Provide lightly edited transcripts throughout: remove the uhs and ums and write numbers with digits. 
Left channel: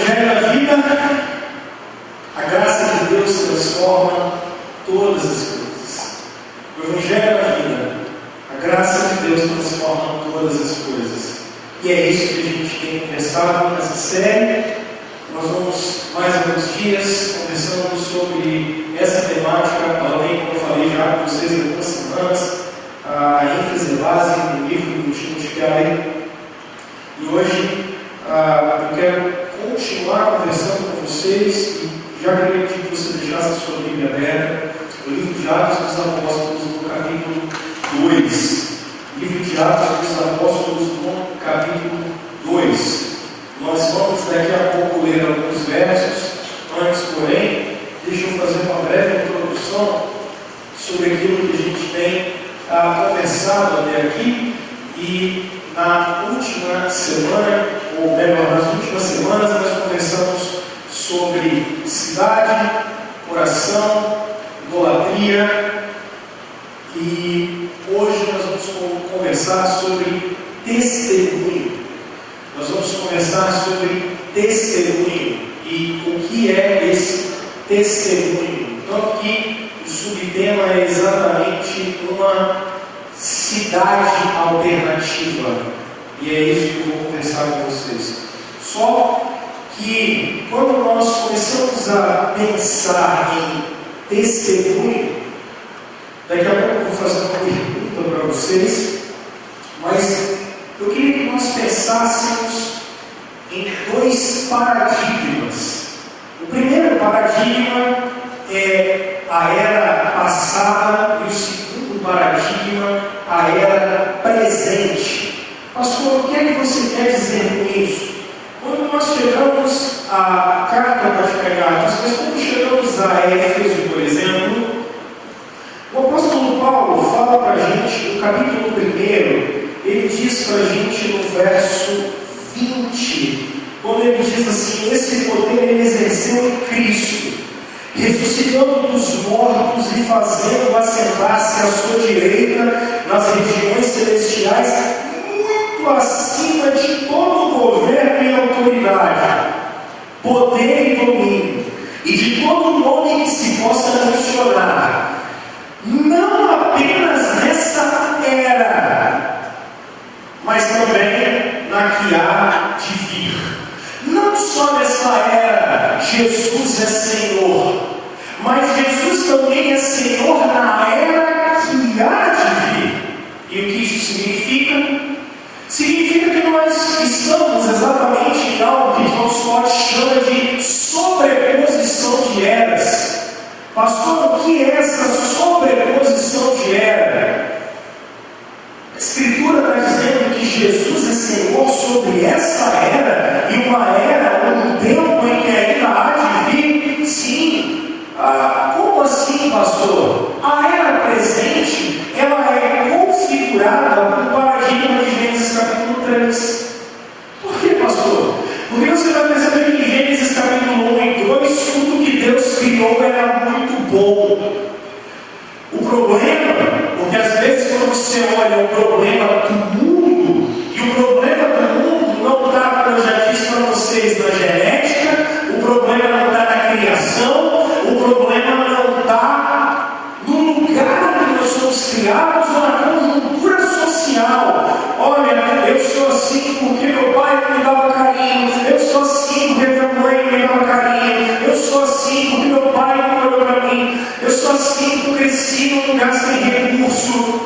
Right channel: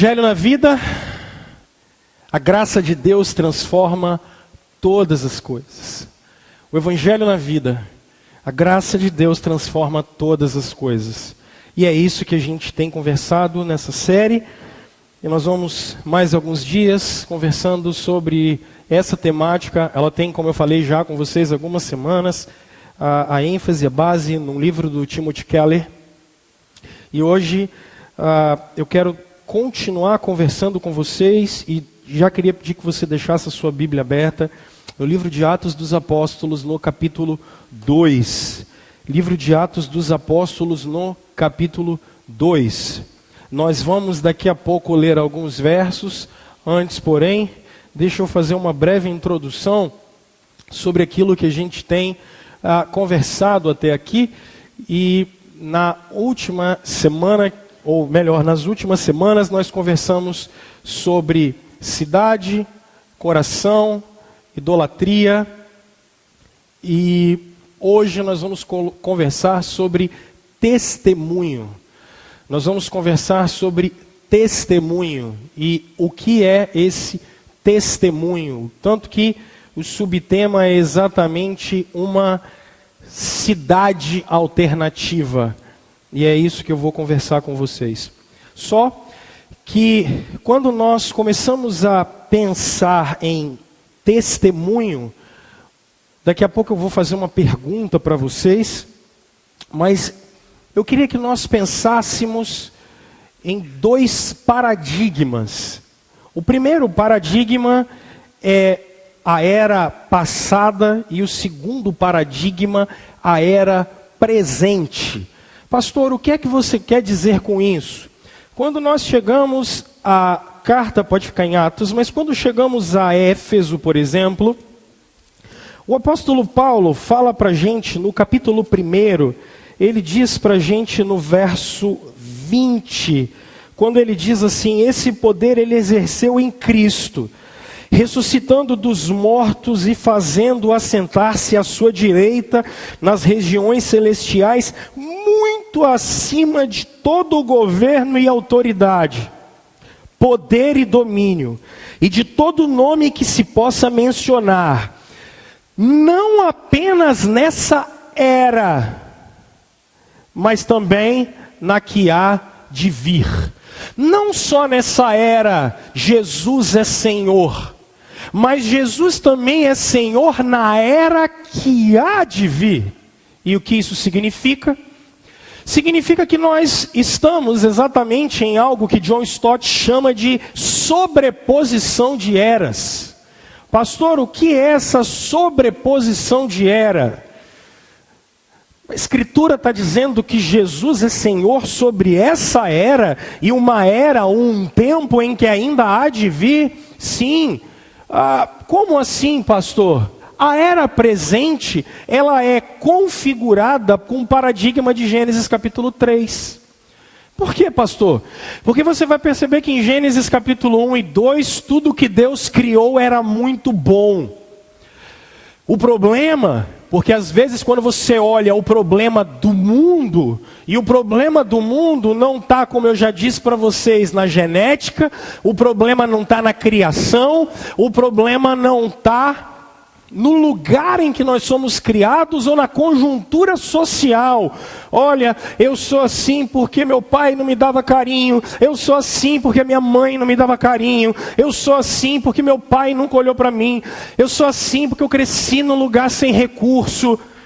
Evangelho na vida, a graça de Deus transforma todas as coisas. O Evangelho na vida, a graça de Deus transforma todas as coisas. E é isso que a gente tem conversado nessa série. Nós vamos mais alguns dias conversando sobre essa temática. Ela tem, como eu falei já com vocês, algumas semanas. A ênfase, a base no livro do Timothy Keller. E hoje eu quero continuar conversando com vocês e já queria pedir que você deixasse a sua Bíblia aberta no livro de Atos dos Apóstolos, no capítulo 2. Livro de Atos dos Apóstolos, no capítulo 2. Nós vamos daqui a pouco ler alguns versos. Antes, porém, deixa eu fazer uma breve introdução sobre aquilo que a gente tem conversado até aqui. E na última semana, ou melhor, nas últimas semanas, nós conversamos sobre cidade, coração, idolatria, e hoje nós vamos conversar sobre testemunho. Nós vamos conversar sobre testemunho e o que é esse testemunho. Tanto que o subtema é exatamente uma cidade alternativa. E é isso que eu vou conversar com vocês. Só que quando nós começamos a pensar em testemunho, daqui a pouco eu vou fazer uma pergunta para vocês, mas eu queria que nós pensássemos em dois paradigmas. O primeiro paradigma é a era passada e o segundo paradigma, a era presente. Pastor, o que é que você quer dizer com isso? Quando nós chegamos à carta, pode ficar em Atos, mas quando chegamos a Éfeso, por exemplo, o apóstolo Paulo fala para a gente, no capítulo 1, ele diz para a gente no verso 20, quando ele diz assim: esse poder ele exerceu em Cristo, ressuscitando dos mortos e fazendo assentar-se à sua direita nas regiões celestiais, muito acima de todo governo e autoridade, poder e domínio, e de todo nome que se possa mencionar, não apenas nessa era, mas também na que há de vir. Não só nessa era Jesus é Senhor, mas Jesus também é Senhor na era que há de vir. E o que isso significa? Significa que nós estamos exatamente em algo que John Stott chama de sobreposição de eras. Pastor, o que é essa sobreposição de era? A Escritura está dizendo que Jesus é Senhor sobre essa era, e uma era, ou um tempo em que ainda há de vir. Sim. Como assim, pastor? A era presente, ela é configurada com o paradigma de Gênesis capítulo 3. Por que, pastor? Porque você vai perceber que em Gênesis capítulo 1 e 2, tudo que Deus criou era muito bom. O problema, porque às vezes quando você olha o problema do mundo, e o problema do mundo não está, como eu já disse para vocês, na genética, o problema não está na criação, o problema não está no lugar em que nós somos criados ou na conjuntura social. Olha, eu sou assim porque meu pai não me dava carinho, eu sou assim porque minha mãe não me dava carinho, eu sou assim porque meu pai não olhou para mim, eu sou assim porque eu cresci num lugar sem recurso.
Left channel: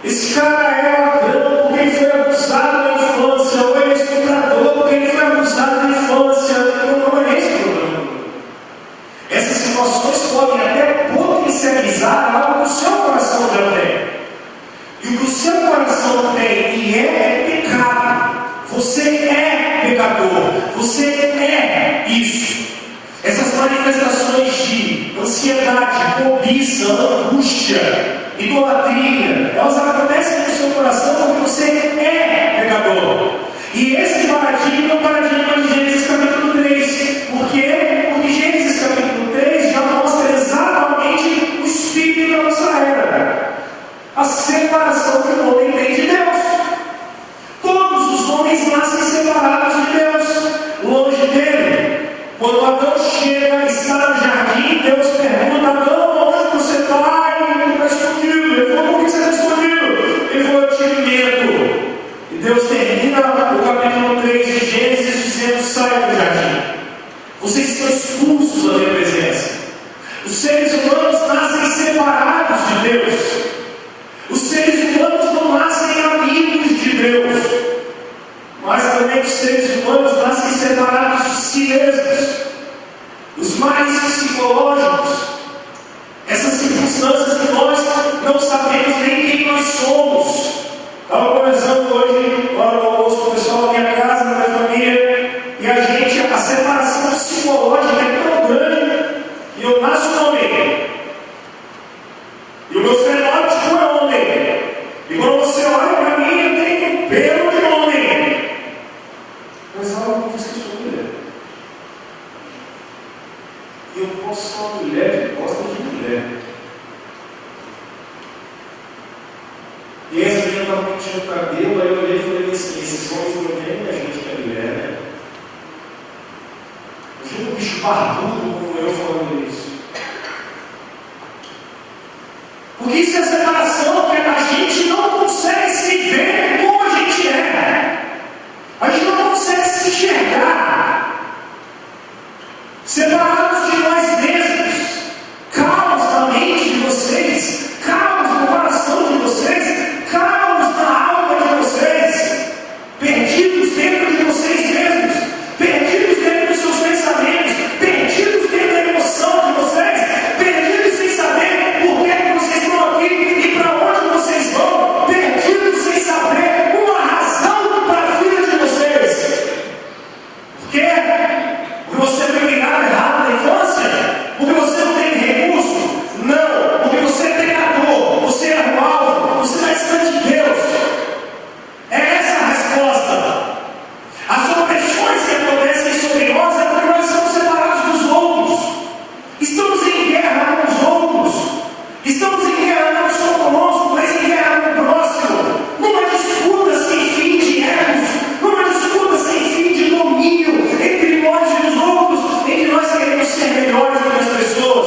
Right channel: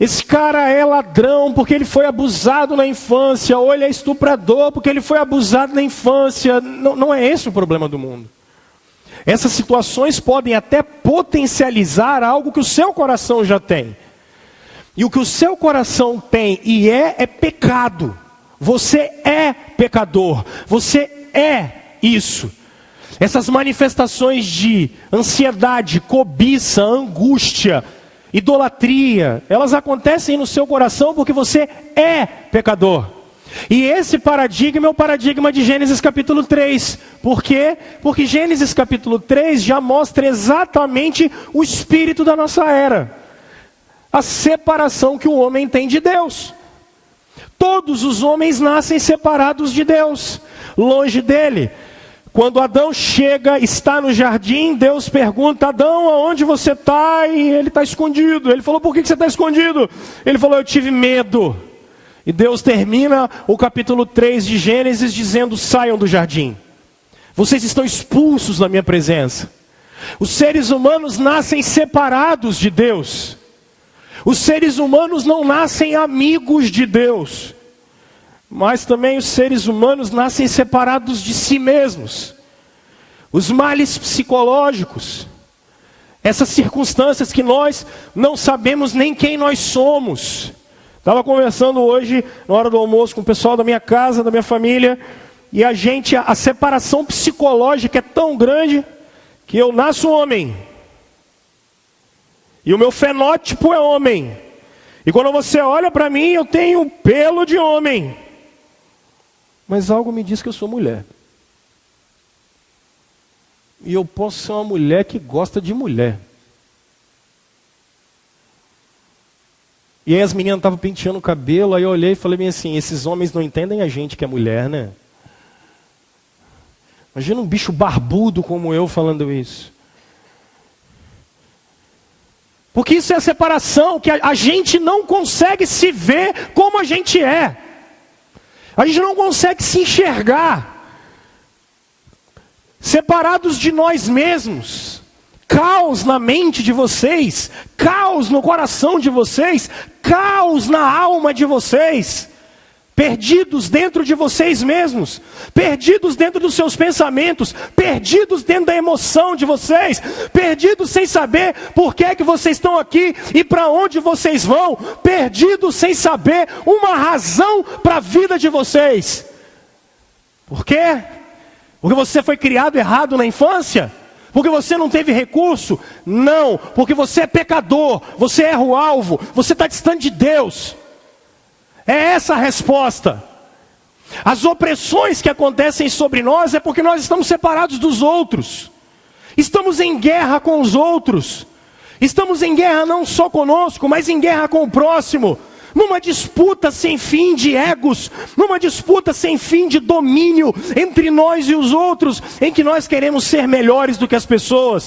Esse cara é ladrão porque ele foi abusado na infância, ou ele é estuprador porque ele foi abusado na infância. Não é esse o problema do mundo. Essas situações podem até potencializar algo que o seu coração já tem. E o que o seu coração tem e é pecado. Você é pecador. Você é isso. Essas manifestações de ansiedade, cobiça, angústia, idolatria, elas acontecem no seu coração porque você é pecador. E esse paradigma é o paradigma de Gênesis capítulo 3. Por quê? Porque Gênesis capítulo 3 já mostra exatamente o espírito da nossa era. A separação que o homem tem de Deus. Todos os homens nascem separados de Deus, longe dele. Quando Adão chega, está no jardim, Deus pergunta: Adão, onde você está? E ele está escondido. Ele falou: por que você está escondido? Ele falou: eu tive medo. E Deus termina o capítulo 3 de Gênesis dizendo: saiam do jardim. Vocês estão expulsos da minha presença. Os seres humanos nascem separados de Deus. Os seres humanos não nascem amigos de Deus, mas também os seres humanos nascem separados de si mesmos. Os males psicológicos, essas circunstâncias que nós não sabemos nem quem nós somos. Estava conversando hoje, na hora do almoço, com o pessoal da minha casa, da minha família, e a separação psicológica é tão grande que eu nasço homem, e o meu fenótipo é homem, e quando você olha para mim, eu tenho pelo de homem, mas algo me diz que eu sou mulher, e eu posso ser uma mulher que gosta de mulher. E aí as meninas estavam penteando o cabelo, aí eu olhei e falei assim: esses homens não entendem a gente que é mulher, né? Imagina um bicho barbudo como eu falando isso. Porque isso é a separação, que a gente não consegue se ver como a gente é. A gente não consegue se enxergar. Separados de nós mesmos. Caos na mente de vocês. Caos no coração de vocês. Caos na alma de vocês. Perdidos dentro de vocês mesmos. Perdidos dentro dos seus pensamentos, perdidos dentro da emoção de vocês, perdidos sem saber por que é que vocês estão aqui e para onde vocês vão, perdidos sem saber uma razão para a vida de vocês. Por quê? Porque você foi criado errado na infância? Porque você não teve recurso? Não, porque você é pecador, você erra o alvo, você está distante de Deus. É essa a resposta. As opressões que acontecem sobre nós é porque nós estamos separados dos outros. Estamos em guerra com os outros. Estamos em guerra não só conosco, mas em guerra com o próximo. Numa disputa sem fim de egos. Numa disputa sem fim de domínio entre nós e os outros, em que nós queremos ser melhores do que as pessoas.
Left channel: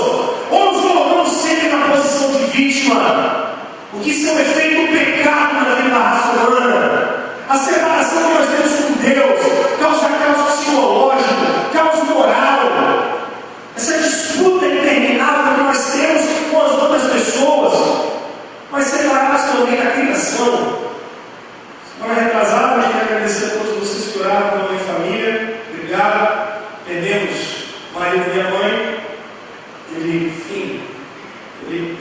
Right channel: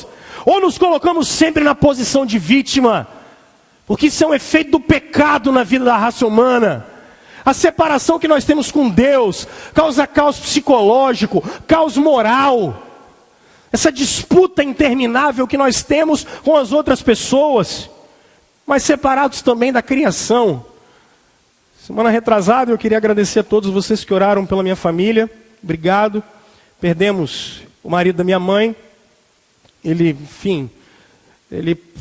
Ou nos colocamos sempre na posição de vítima. O que isso é um efeito do pecado na vida da raça humana. A separação que nós temos com Deus causa caos psicológico, caos moral. Essa disputa interminável que nós temos com as outras pessoas, mas separados também da criação. Semana retrasada eu queria agradecer a todos vocês que oraram pela minha família. Obrigado. Perdemos o marido da minha mãe. Ele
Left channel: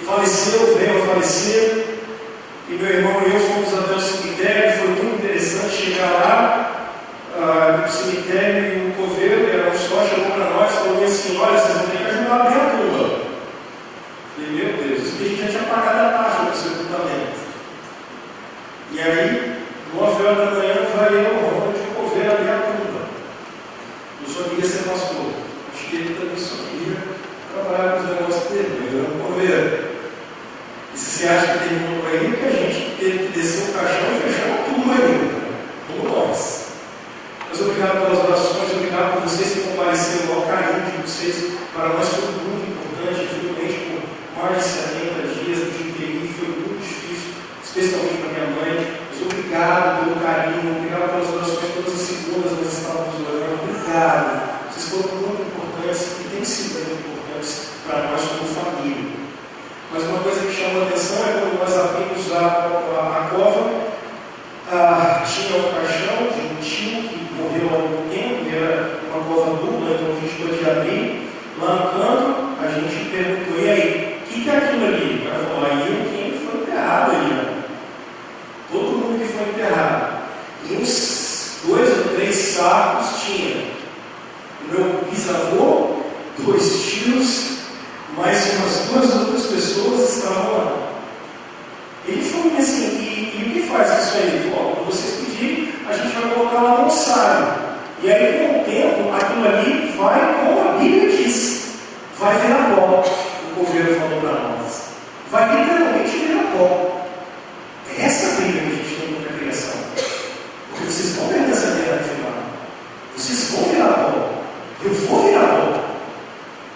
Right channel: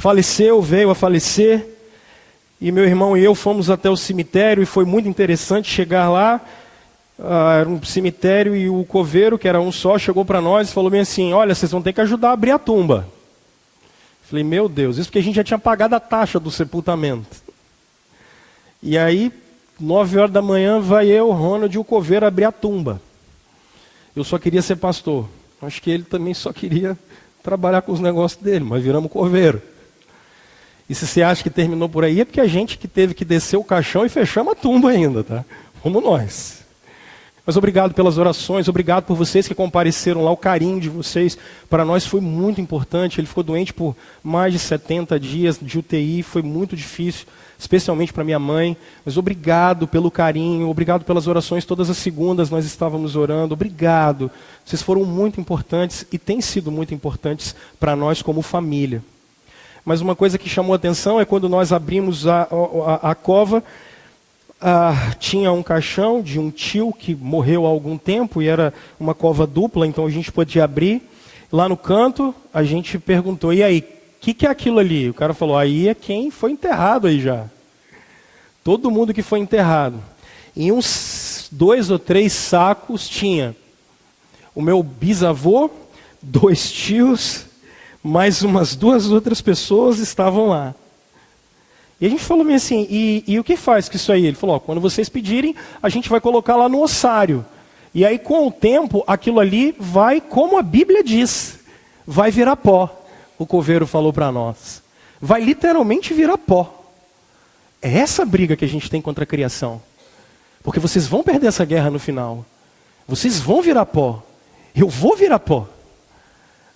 faleceu, veio a falecer. E meu irmão e eu fomos até o cemitério, e foi muito interessante chegar lá no cemitério, e o coveiro, que era um só, chegou para nós e falou assim: olha, vocês vão ter que ajudar a abrir a tumba. Falei: meu Deus, isso que a gente já tinha pagado a taxa do sepultamento. E aí, 9 horas da manhã, vai eu, Ronald e o coveiro abrir a tumba. Eu só queria ser pastor. Acho que ele também só queria trabalhar com os negócios dele, mas virando coveiro. E se você acha que terminou por aí, é porque a gente que teve que descer o caixão e fechar a tumba ainda, tá? Como nós. Mas obrigado pelas orações, obrigado por vocês que compareceram lá, o carinho de vocês, para nós foi muito importante. Ele ficou doente por mais de 70 dias de UTI, foi muito difícil, especialmente para minha mãe. Mas obrigado pelo carinho, obrigado pelas orações, todas as segundas nós estávamos orando, obrigado. Vocês foram muito importantes e têm sido muito importantes para nós como família. Mas uma coisa que chamou a atenção é quando nós abrimos a cova, tinha um caixão de um tio que morreu há algum tempo, e era uma cova dupla, então a gente podia abrir. Lá no canto, a gente perguntou: e aí, o que é aquilo ali? O cara falou: aí é quem foi enterrado aí já. Todo mundo que foi enterrado. Em uns 2 ou 3 sacos tinha o meu bisavô, 2 tios, mais umas 2 outras pessoas estavam lá. E a gente falou assim: e o que faz com isso aí? Ele falou: quando vocês pedirem, a gente vai colocar lá no ossário. E aí, com o tempo, aquilo ali vai, como a Bíblia diz, vai virar pó. O coveiro falou para nós: vai literalmente virar pó. É essa a briga que a gente tem contra a criação. Porque vocês vão perder essa guerra no final. Vocês vão virar pó. Eu vou virar pó.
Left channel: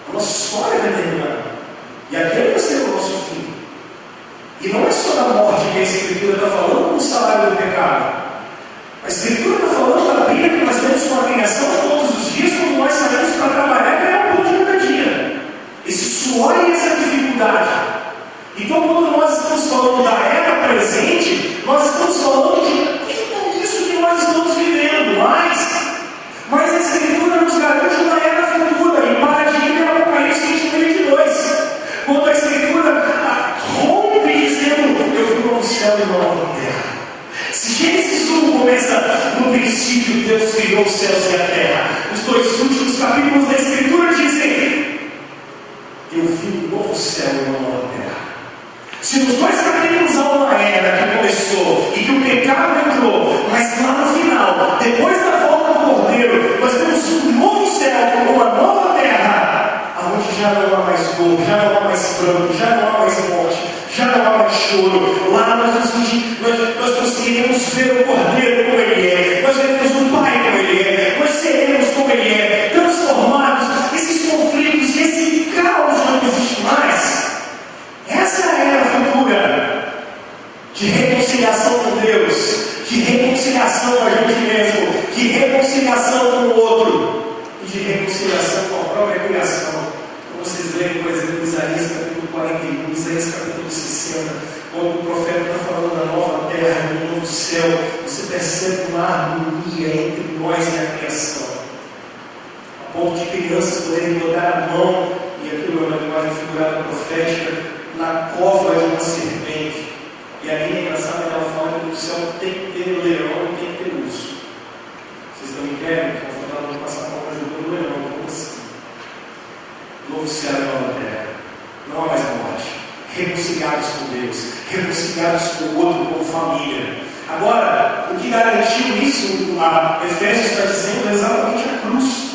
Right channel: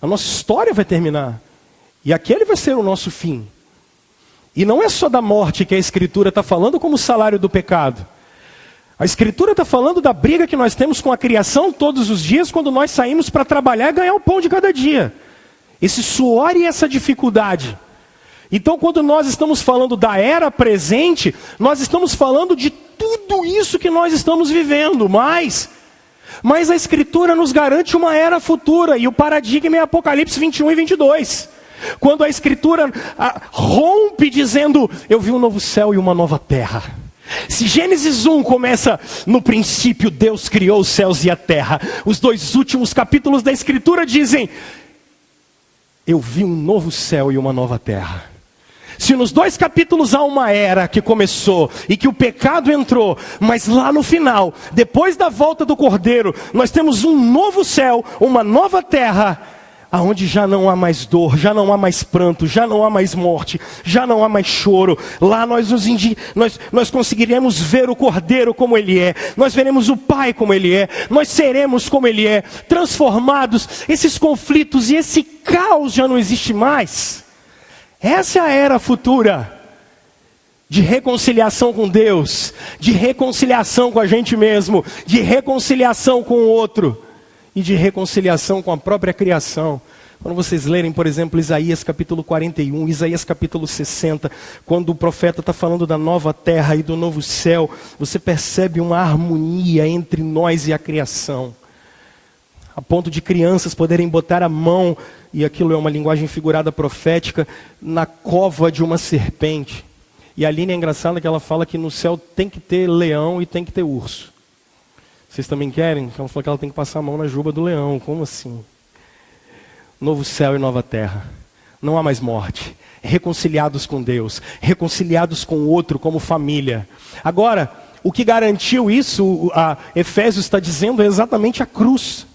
A nossa história vai terminar. E aquele vai ser o nosso fim. E não é só da morte que a Escritura está falando como salário do pecado. A Escritura está falando da briga que nós temos com a criação todos os dias, quando nós saímos para trabalhar e ganhar o pão de cada dia. Esse suor e essa dificuldade. Então, quando nós estamos falando da era presente, nós estamos falando de tudo isso que nós estamos vivendo, mas a Escritura nos garante uma era futura, e o paradigma é Apocalipse 21 e 22. Quando a Escritura rompe dizendo, eu vi um novo céu e uma nova terra. Se Gênesis 1 começa, no princípio Deus criou os céus e a terra, os 2 últimos capítulos da Escritura dizem, eu vi um novo céu e uma nova terra. Se nos 2 capítulos há uma era que começou e que o pecado entrou, mas lá no final, depois da volta do Cordeiro, nós temos um novo céu, uma nova terra, aonde já não há mais dor, já não há mais pranto, já não há mais morte, já não há mais choro. Lá nós conseguiremos ver o Cordeiro como Ele é, nós veremos o Pai como Ele é, nós seremos como Ele é, transformados. Esses conflitos e esse caos já não existe mais. Essa é a era futura de reconciliação com Deus, de reconciliação com a gente mesmo, de reconciliação com o outro e de reconciliação com a própria criação. Quando vocês lerem, por exemplo, Isaías capítulo 41, Isaías capítulo 60, quando o profeta está falando da nova terra e do novo céu, você percebe uma harmonia entre nós e a criação, a ponto de crianças poderem botar a mão, e aquilo é uma linguagem figurada profética, na cova de uma serpente. E a linha é engraçada que ela fala que no céu tem que ter leão e tem que ter urso. Vocês também querem? Então ela tem que passar a mão na juba do leão. Como assim? Novo céu e nova terra. Não há mais morte. Reconciliados com Deus, reconciliados com o outro como família. Agora, o que garantiu isso, a Efésios está dizendo, é exatamente a cruz.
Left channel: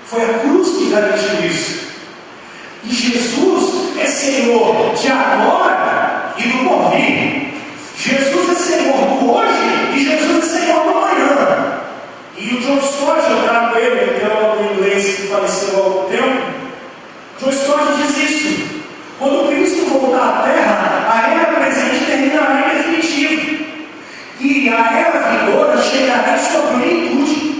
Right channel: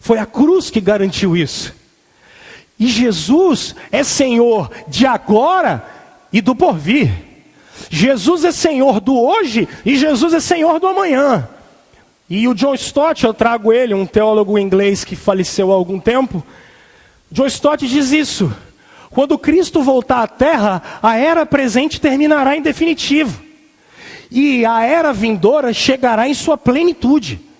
Foi a cruz que garantiu isso. E Jesus é Senhor de agora e do porvir. Jesus é Senhor do hoje e Jesus é Senhor do amanhã. E o John Stott, eu trago ele, um teólogo inglês que faleceu há algum tempo. John Stott diz isso: quando Cristo voltar à terra, a era presente terminará em definitivo, e a era vindoura chegará em sua plenitude.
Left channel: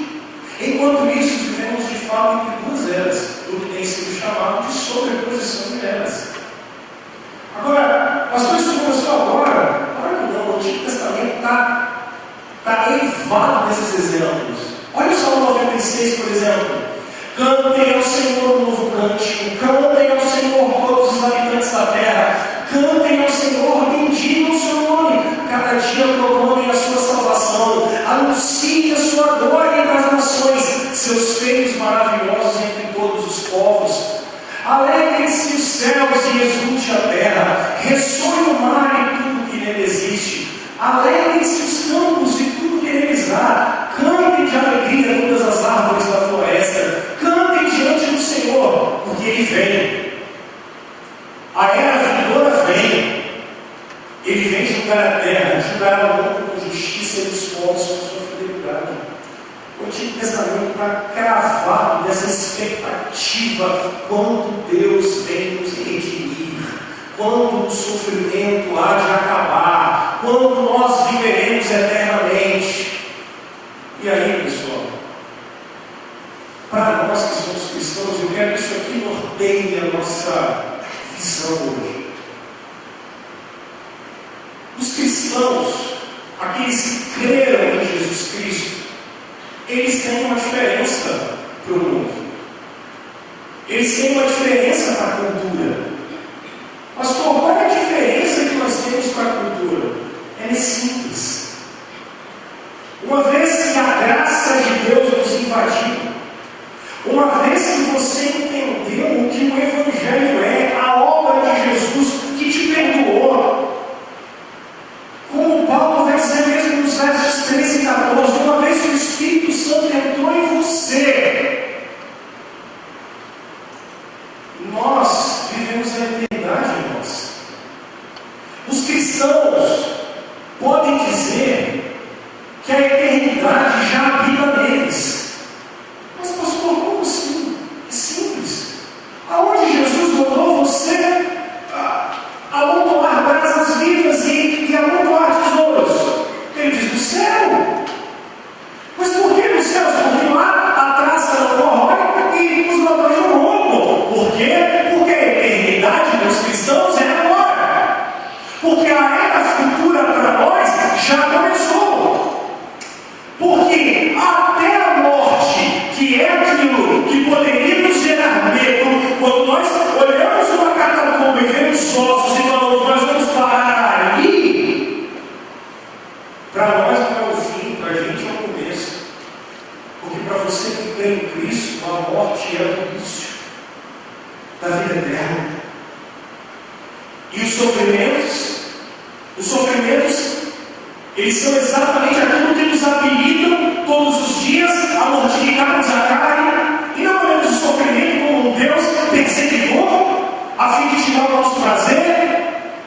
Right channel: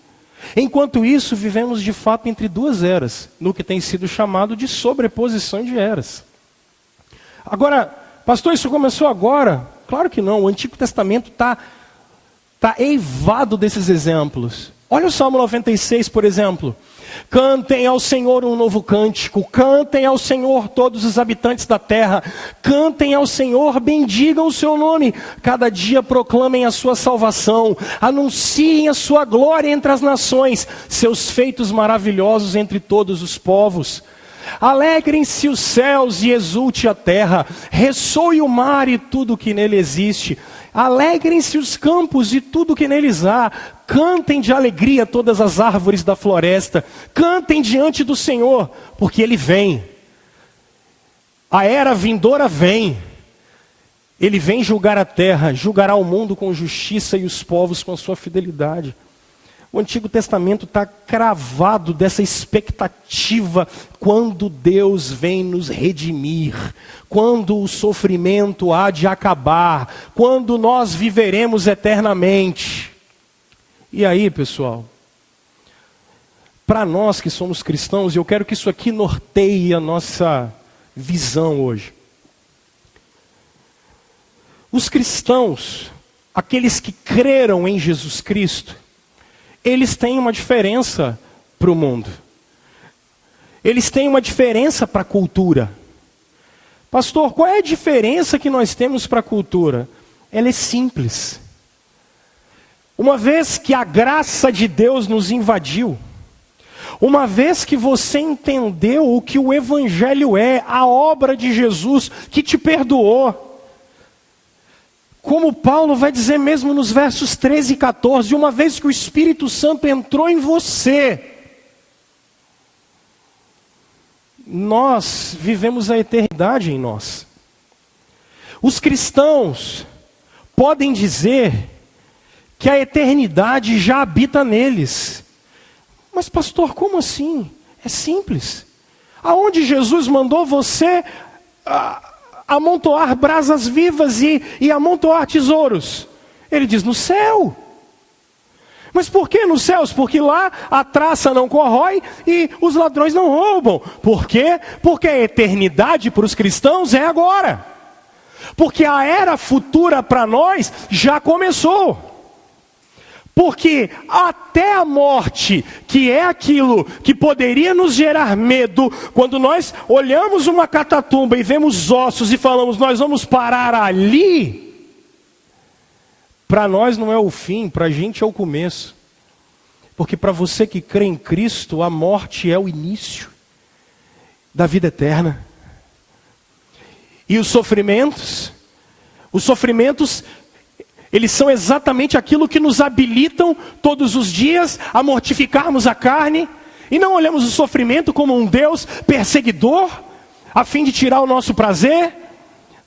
Enquanto isso, vivemos de fato entre 2 eras, no que tem sido chamado de sobreposição de eras. Agora, pastor, isso começou agora? Claro que não, o Antigo Testamento está eivado desses exemplos. Olha o Salmo 96, por exemplo. Cantem ao Senhor um novo cântico, cantem ao Senhor todos os habitantes da terra, cantem ao Senhor, bendigam o seu nome, cada dia proclamem a sua salvação, anunciem a sua glória entre as nações, seus feitos maravilhosos entre todos os povos. Alegrem-se os céus e exulte a terra, ressoe o mar e tudo que nele existe. Alegrem-se os campos e tudo que neles há, cantem de alegria todas as árvores da floresta, cantem diante do Senhor, porque Ele vem. A era vindoura vem. Ele vem julgar a terra, julgará o mundo com justiça e os povos com sua fidelidade. O Antigo Testamento está cravado dessa expectativa quando Deus vem nos redimir, quando o sofrimento há de acabar, quando nós viveremos eternamente. E aí, pessoal, para nós que somos cristãos, eu quero que isso aqui norteie a nossa visão hoje. Os cristãos, aqueles que creram em Jesus Cristo, eles têm uma diferença para o mundo. Eles têm uma diferença para a cultura. Pastor, qual é a diferença que nós temos para a cultura? Ela é simples. Uma vez que a graça de Deus nos invadiu, uma vez que você entendeu o que o Evangelho é, a obra de Jesus que te perdoou, como Paulo vai dizer mesmo nos versos 13 e 14, uma vez que o Espírito Santo entrou em você, nós vivemos a eternidade em nós. Os cristãos podem dizer que a eternidade já habita neles, Mas pastor, como assim? É simples. Aonde Jesus mandou você amontoar brasas vivas e amontoar tesouros? Ele diz, no céu. Mas por que nos céus? Porque lá a traça não corrói e os ladrões não roubam. Por quê? Porque a eternidade para os cristãos é agora. Porque a era futura para nós já começou. Porque até a morte, que é aquilo que poderia nos gerar medo, quando nós olhamos uma catatumba e vemos ossos e falamos, nós vamos parar ali, para nós não é o fim, para a gente é o começo. Porque para você que crê em Cristo, a morte é o início da vida eterna. E os sofrimentos, eles são exatamente aquilo que nos habilitam todos os dias a mortificarmos a carne. E não olhamos o sofrimento como um Deus perseguidor, a fim de tirar o nosso prazer.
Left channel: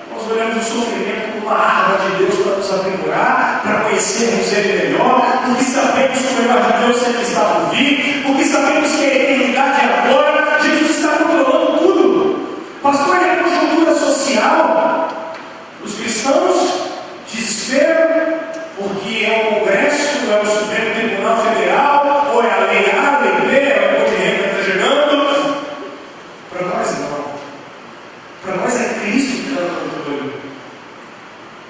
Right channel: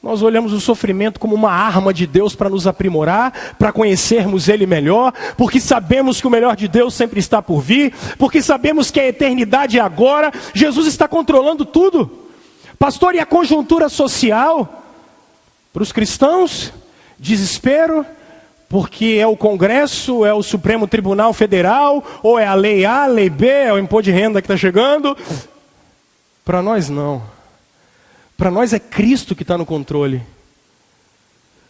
Nós olhamos o sofrimento como uma arma de Deus para nos aprimorar, para conhecermos Ele melhor, porque sabemos que o melhor de Deus sempre está por vir, porque sabemos que a eternidade é agora. Jesus está controlando tudo. Pastor, e a conjuntura social? Para os cristãos, desespero, porque é o Congresso, é o Supremo Tribunal Federal, ou é a lei A, a lei B, é o imposto de renda que está chegando. Para nós não. Para nós é Cristo que está no controle.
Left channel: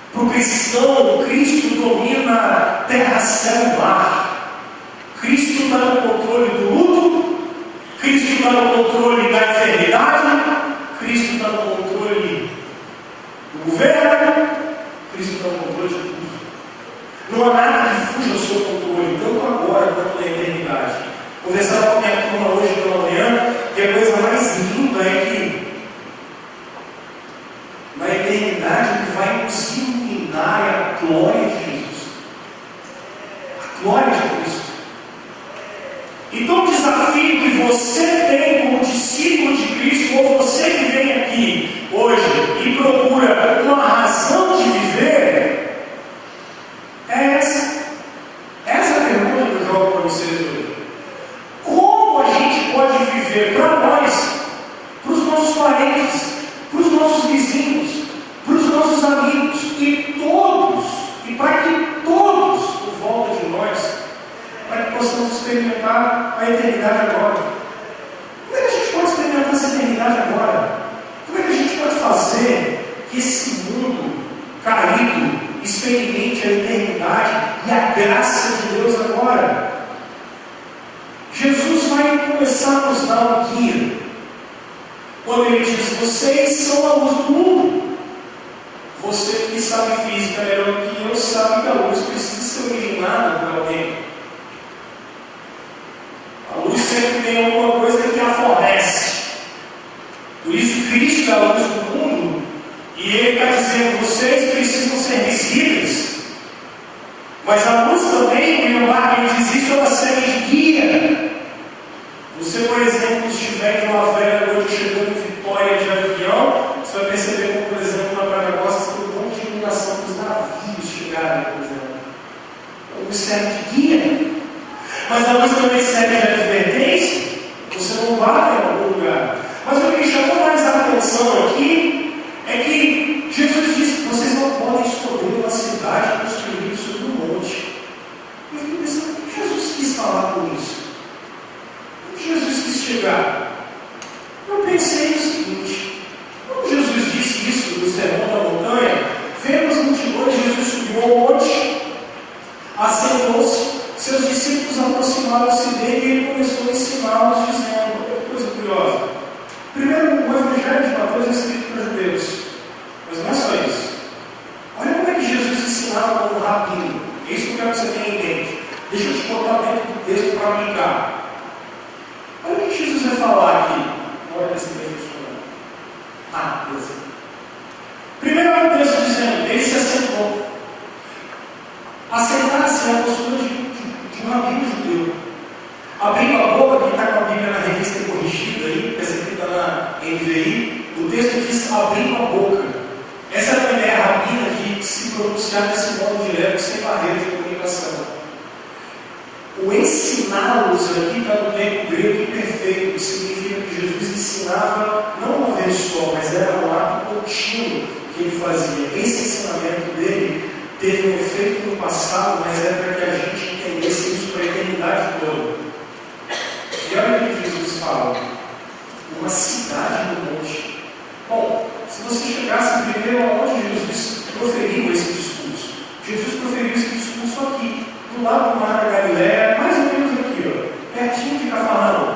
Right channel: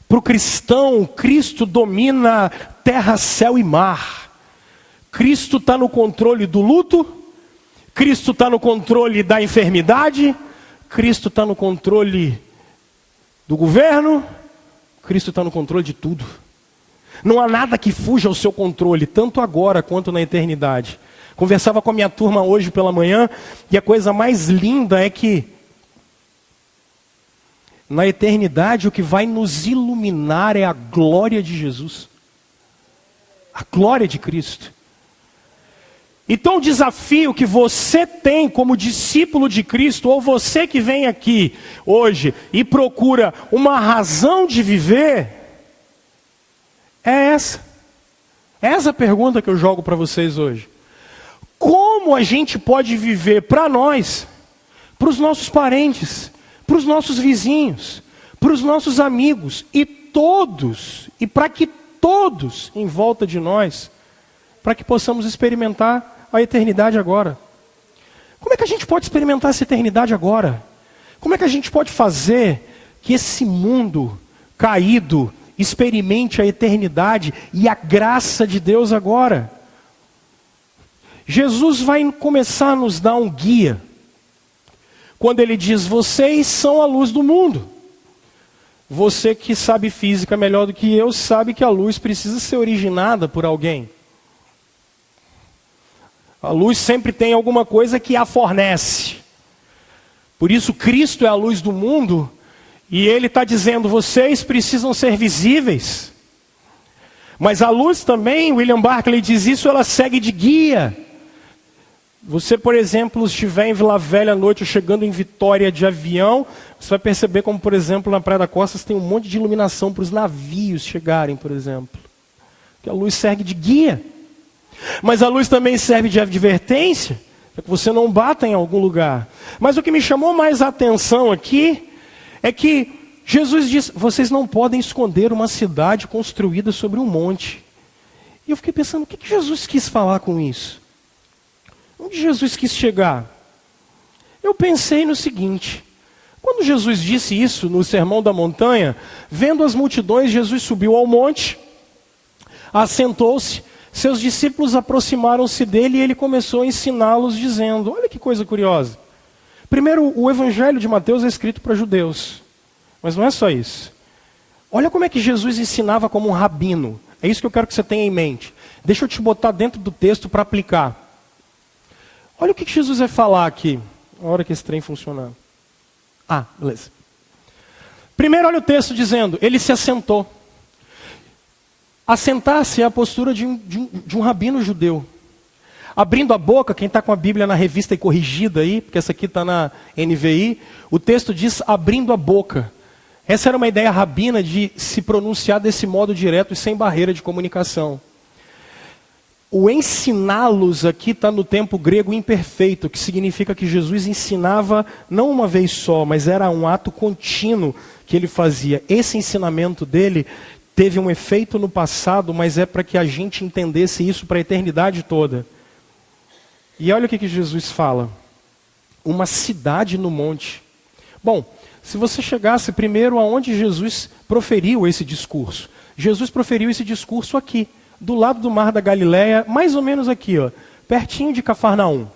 Para o cristão, Cristo domina terra, céu e mar. Cristo está no controle do luto, Cristo está no controle da enfermidade, Cristo está no controle do governo, Cristo está no controle de tudo. Não há nada que fuja ao seu controle, tanto agora quanto na eternidade. Conversava com a minha turma hoje pela manhã, e a coisa mais linda é que na eternidade o que vai nos iluminar é a glória de Jesus, a glória de Cristo. Então o desafio que você tem como discípulo de Cristo, ou você que vem aqui hoje e procura uma razão de viver, é essa. Essa é a pergunta que eu jogo para vocês hoje. Como a gente pode viver para nós, para os nossos parentes, para os nossos vizinhos, para os nossos amigos e para que todos em volta de nós, para que possamos experimentar a eternidade agora. Como é que a gente pode experimentar essa eternidade agora? Como é que a gente pode fazer que esse mundo caído experimente a eternidade e a graça de Deus agora? Jesus vai começar a nos dar um guia quando ele diz, vocês são a luz do mundo. Você que sabe física melhor do que eu, sabe que a luz precisa ser originada por alguém. A luz sempre tem alguma coisa que a fornece. Por isso Cristo é a luz do mundo, e Ele está dizendo, vocês precisam ser visíveis. Mas a luz também, William Barclay diz isso, ela serve de guia. Você, por exemplo, estiver em Vila Velha à noite, chegando em Vitória de avião, você vai perceber como, por exemplo, na Praia da Costa tem um monte de iluminação para os navios chegarem, por exemplo. E a luz serve de guia. Mas a luz também serve de advertência, para que você não bata em algum lugar. Mas o que me chamou mais a atenção aqui é que Jesus disse, vocês não podem esconder uma cidade construída sobre um monte. E eu fiquei pensando, o que Jesus quis falar com isso? Onde Jesus quis chegar? Eu pensei no seguinte, quando Jesus disse isso no Sermão da Montanha, vendo as multidões, Jesus subiu ao monte, assentou-se, seus discípulos aproximaram-se dele e ele começou a ensiná-los, dizendo, olha que coisa curiosa. Primeiro, o Evangelho de Mateus é escrito para judeus, mas não é só isso. Olha como é que Jesus ensinava como um rabino. É isso que eu quero que você tenha em mente. Deixa eu te botar dentro do texto para aplicar. Olha o que Jesus vai falar aqui, na hora que esse trem funcionar. Beleza. Primeiro é o texto dizendo, ele se assentou. Assentar-se é a postura de um rabino judeu. Abrindo a boca, quem está com a Bíblia na revista corrigida aí, que essa aqui está na NVI, o texto diz abrindo a boca. Essa era uma ideia rabina de se pronunciar desse modo direto, sem barreira de comunicação. O ensiná-los aqui está no tempo grego imperfeito, que significa que Jesus ensinava não uma vez só, mas era um ato contínuo que ele fazia. Esse ensinamento dele teve um efeito no passado, mas é para que a gente entendesse isso para a eternidade toda. E olha o que Jesus fala: uma cidade no monte. Bom, se você chegasse primeiro aonde Jesus proferiu esse discurso. Jesus proferiu esse discurso aqui, do lado do Mar da Galileia, mais ou menos aqui, ó, pertinho de Cafarnaum.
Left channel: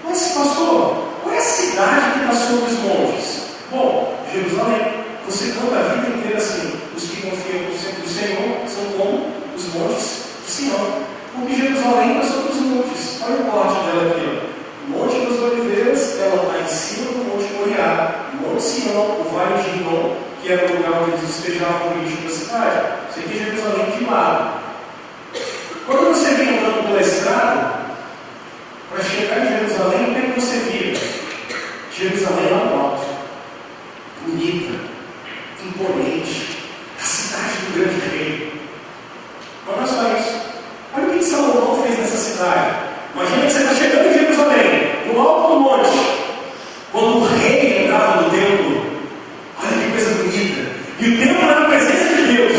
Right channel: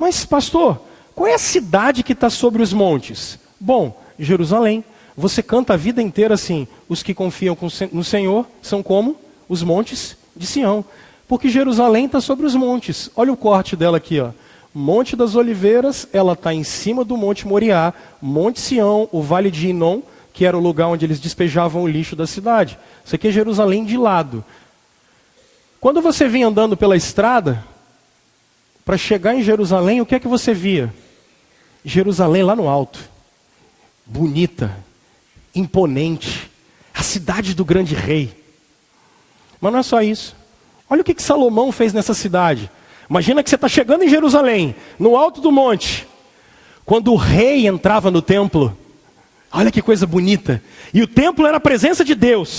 Mas, pastor, qual é a cidade que está sobre os montes? Bom, Jerusalém. Você canta a vida inteira assim: os que confiam no Senhor são como os montes de Sião. Porque Jerusalém está sobre os montes. Olha o corte dela aqui, ó. Monte das Oliveiras, ela está em cima do Monte Moriá. Monte Sião, o Vale de Inom, que era o lugar onde eles despejavam o lixo da cidade. Isso aqui é Jerusalém de lado. Quando você vinha andando pela estrada, para chegar em Jerusalém, o que é que você via? Jerusalém lá no alto, bonita, imponente, a cidade do grande rei. Mas não é só isso. Olha o que Salomão fez nessa cidade. Imagina que você está chegando em Jerusalém, no alto do monte. Quando o rei entrava no templo, olha que coisa bonita. E o templo era a presença de Deus.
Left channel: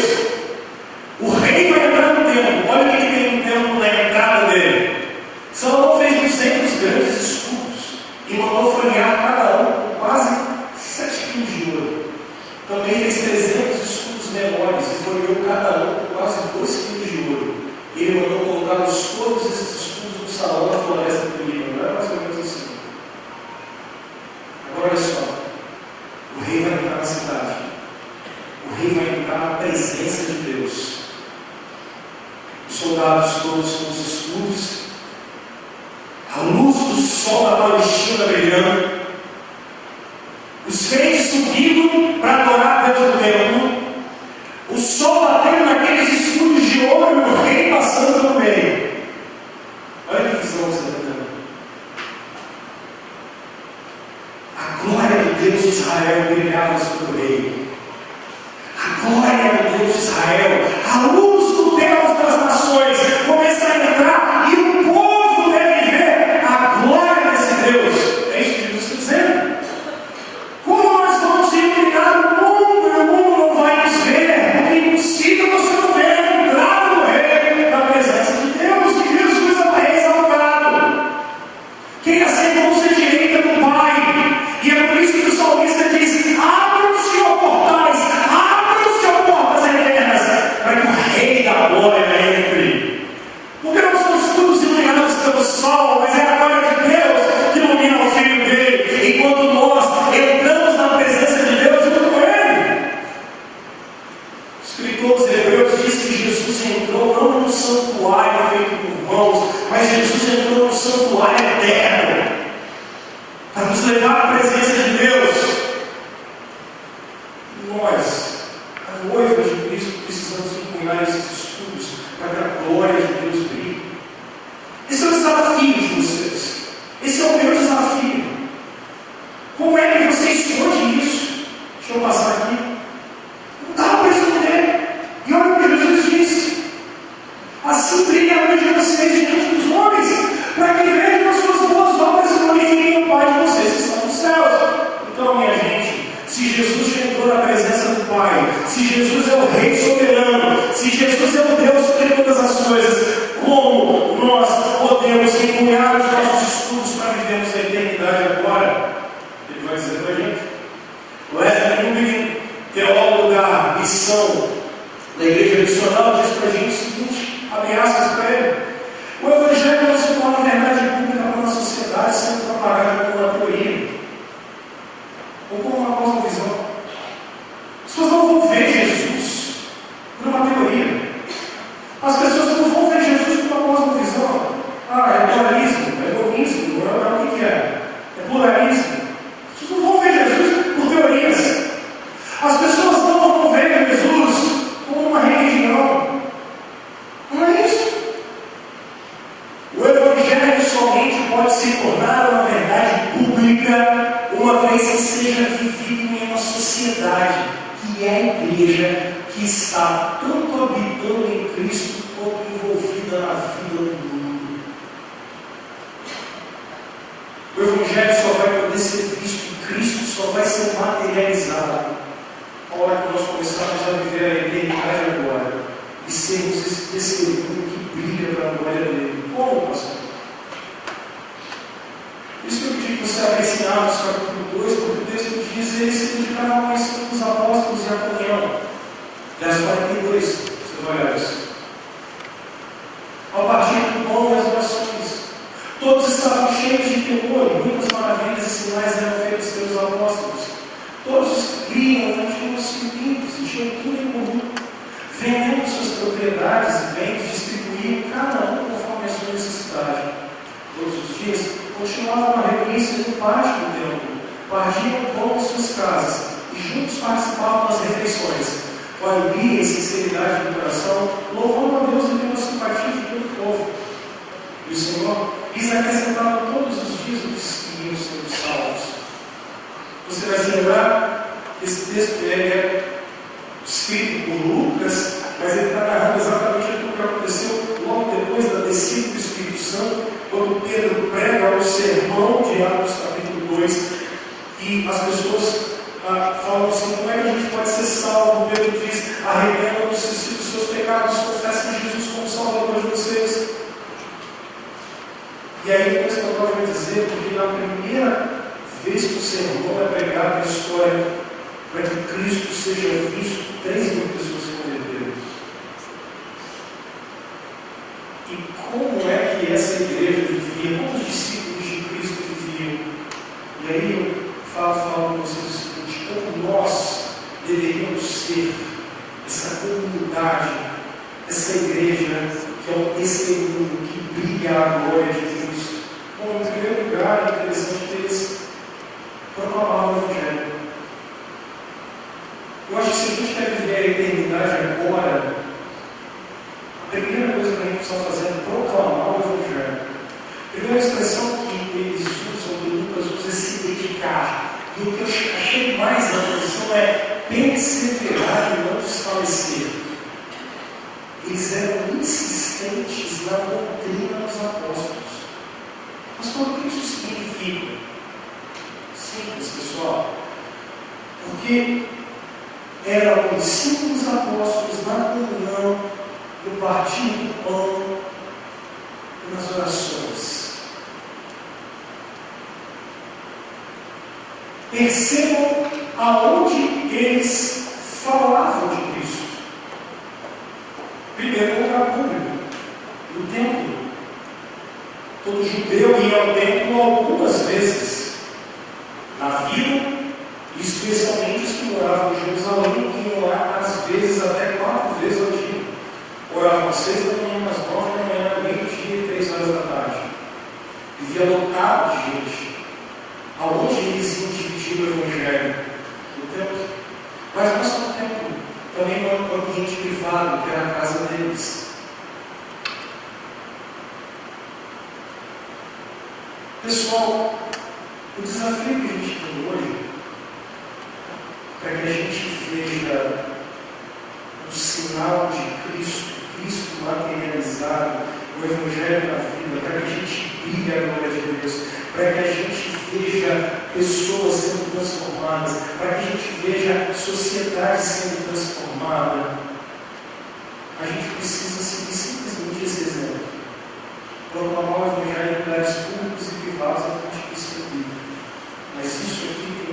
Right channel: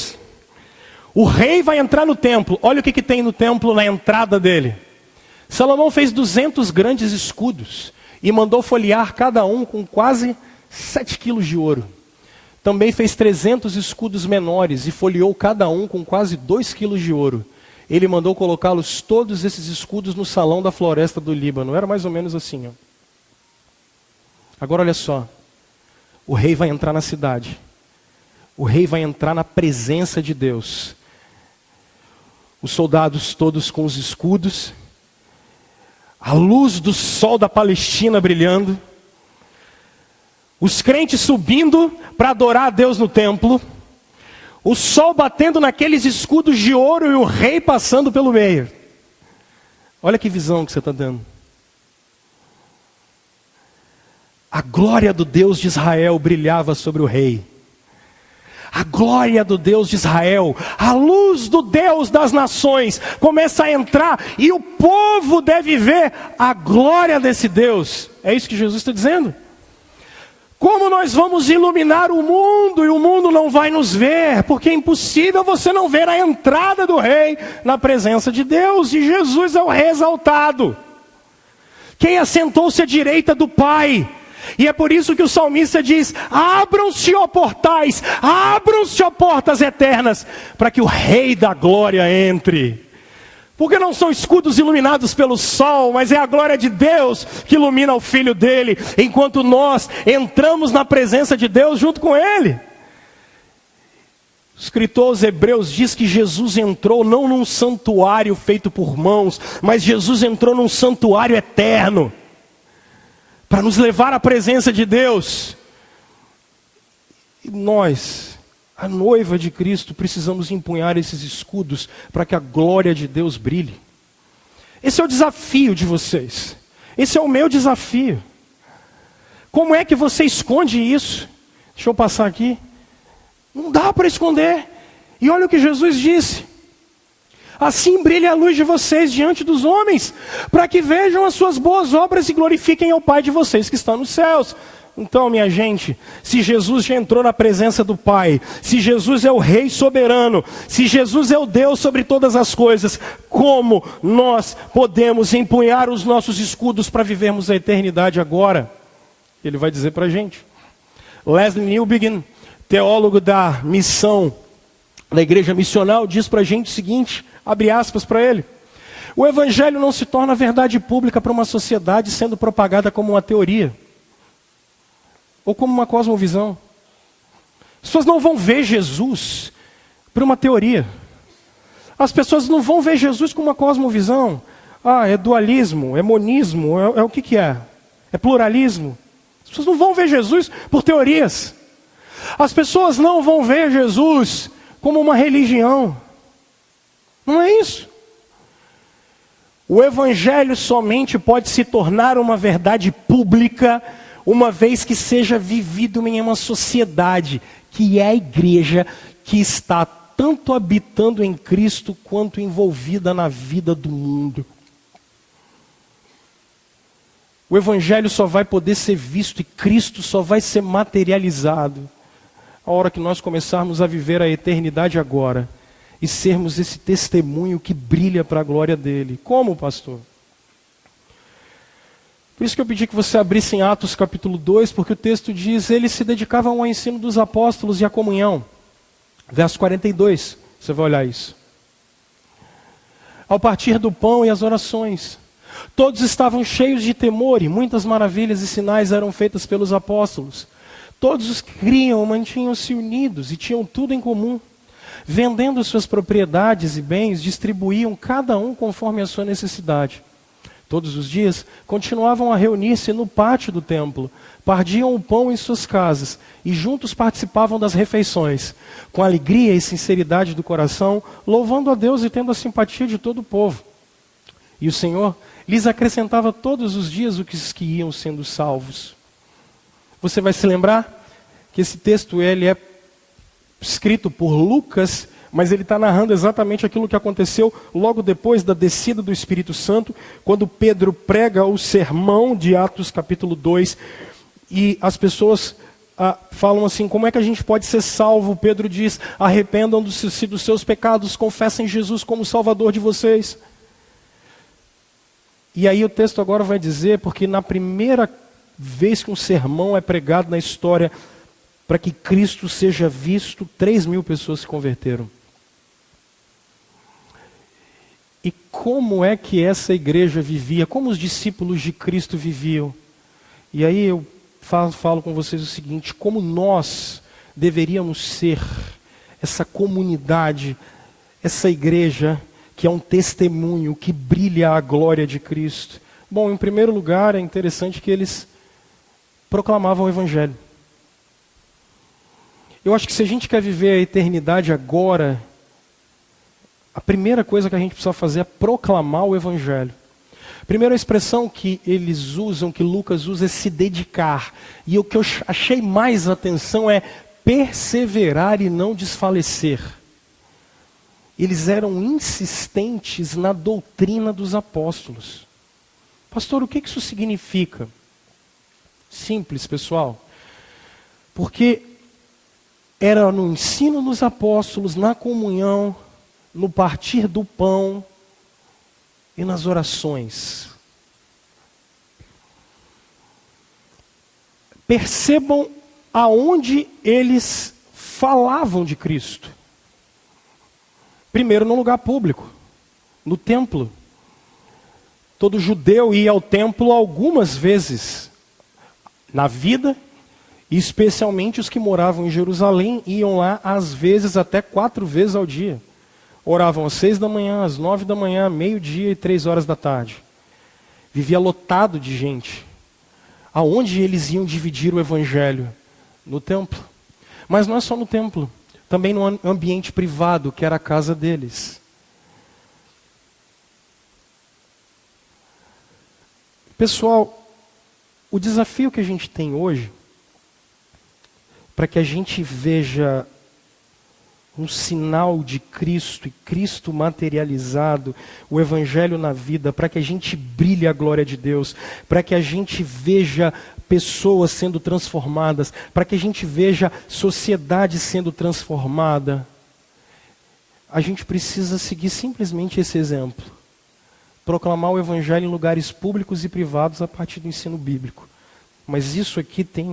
O rei vai entrar no templo. Olha o que tem no templo na entrada dele. Salomão fez 200 grandes escudos e mandou folhear cada um com quase 7 quilos de ouro. Também fez 300 escudos menores e folheou cada um com quase 2 quilos de ouro. Ele mandou colocá-los todos esses escudos no salão da floresta do Líbano. Era mais ou menos assim. Agora olha só. O rei vai entrar na cidade. O rei vai entrar na presença de Deus. Os soldados todos com os escudos. A luz do sol da Palestina brilhando. Os crentes subindo para adorar a Deus no templo. O sol batendo naqueles escudos de ouro e o rei passando pelo meio. Olha que visão que você está tendo. A glória do Deus de Israel brilhava sobre o rei. A glória do Deus de Israel, a luz do Deus das nações começa a entrar e o povo deve ver a glória desse Deus. É isso que Jesus está dizendo. Como nós vamos iluminar o mundo e o mundo não vai nos ver? Porque é impossível você não ver a entrada do rei na presença de Deus. E Jesus é o rei exaltado, quem assentou-se à direita do Pai. E é por isso que o salmista diz: abram-se, ó portais, abram-se, ó portas eternas, para que o rei da glória entre. Porque não são escudos iluminados pelo sol, mas é a glória de Deus que ilumina o Filho dele, enquanto nós entramos na presença de Deus junto com ele. O escritor aos Hebreus diz que Jesus entrou não num santuário feito por mãos, mas Jesus entrou num santuário eterno, para nos levar à presença de Deus. Nós, a noiva de Cristo, precisamos empunhar esses escudos para que a glória de Deus brilhe. Esse é o desafio de vocês. Esse é o meu desafio. Como é que você esconde isso? Deixa eu passar aqui. Não dá para esconder. E olha o que Jesus disse: assim brilha a luz de vocês diante dos homens, para que vejam as suas boas obras e glorifiquem o Pai de vocês que está nos céus. Então, minha gente, se Jesus já entrou na presença do Pai, se Jesus é o Rei soberano, se Jesus é o Deus sobre todas as coisas, como nós podemos empunhar os nossos escudos para vivermos a eternidade agora? Ele vai dizer para a gente. Leslie Newbegin, teólogo da missão da igreja missional, diz para a gente o seguinte, abre aspas para ele: o Evangelho não se torna verdade pública para uma sociedade sendo propagada como uma teoria ou como uma cosmovisão. As pessoas não vão ver Jesus por uma teoria. As pessoas não vão ver Jesus por uma cosmovisão. É dualismo, é monismo, é o que é? É pluralismo. As pessoas não vão ver Jesus por teorias. As pessoas não vão ver Jesus como uma religião. Não é isso. O Evangelho somente pode se tornar uma verdade pública uma vez que seja vivido em uma sociedade que é a igreja, que está tanto habitando em Cristo quanto envolvida na vida do mundo. O Evangelho só vai poder ser visto, Cristo só vai ser materializado a hora que nós começarmos a viver a eternidade agora e sermos esse testemunho que brilha para a glória dele. Como, pastor? Por isso que eu pedi que você abrisse em Atos capítulo 2, porque o texto diz: eles se dedicavam ao ensino dos apóstolos e à comunhão. Verso 42, você vai olhar isso. Ao partir do pão e as orações, todos estavam cheios de temor, e muitas maravilhas e sinais eram feitas pelos apóstolos. Todos os que criam mantinham-se unidos e tinham tudo em comum. Vendendo suas propriedades e bens, distribuíam cada um conforme a sua necessidade. Todos os dias continuavam a reunir-se no pátio do templo, partiam o pão em suas casas e juntos participavam das refeições, com alegria e sinceridade do coração, louvando a Deus e tendo a simpatia de todo o povo. E o Senhor lhes acrescentava todos os dias os que iam sendo salvos. Você vai se lembrar que esse texto ele é escrito por Lucas, mas ele está narrando exatamente aquilo que aconteceu logo depois da descida do Espírito Santo, quando Pedro prega o sermão de Atos capítulo 2, e as pessoas falam assim: como é que a gente pode ser salvo? Pedro diz: arrependam dos seus pecados, confessem Jesus como Salvador de vocês. E aí o texto agora vai dizer, porque na primeira vez que o sermão é pregado na história, para que Cristo seja visto, 3.000 pessoas se converteram. E como é que essa igreja vivia? Como os discípulos de Cristo viviam? E aí eu falo com vocês o seguinte: como nós deveríamos ser essa comunidade, essa igreja que é um testemunho, que brilha a glória de Cristo. Bom, em primeiro lugar, é interessante que eles proclamavam o Evangelho. Eu acho que se a gente quer viver a eternidade agora, a primeira coisa que a gente precisa fazer é proclamar o Evangelho. A primeira expressão que eles usam, que Lucas usa, é se dedicar. E o que eu achei mais atenção é perseverar e não desfalecer. Eles eram insistentes na doutrina dos apóstolos. Pastor, o que isso significa? Simples, pessoal. Porque era no ensino dos apóstolos, na comunhão, no partir do pão e nas orações. Percebam aonde eles falavam de Cristo. Primeiro, no lugar público, no templo. Todo judeu ia ao templo algumas vezes na vida, e especialmente os que moravam em Jerusalém iam lá às vezes até 4 vezes ao dia. Oravam às 6 da manhã, às 9 da manhã, meio-dia e 3 horas da tarde. Vivia lotado de gente. Aonde eles iam dividir o Evangelho? No templo. Mas não é só no templo, também no ambiente privado, que era a casa deles. Pessoal, o desafio que a gente tem hoje, para que a gente veja um sinal de Cristo, Cristo materializado, o Evangelho na vida, para que a gente brilhe a glória de Deus, para que a gente veja pessoas sendo transformadas, para que a gente veja sociedade sendo transformada, a gente precisa seguir simplesmente esse exemplo. Proclamar o Evangelho em lugares públicos e privados a partir do ensino bíblico. Mas isso aqui tem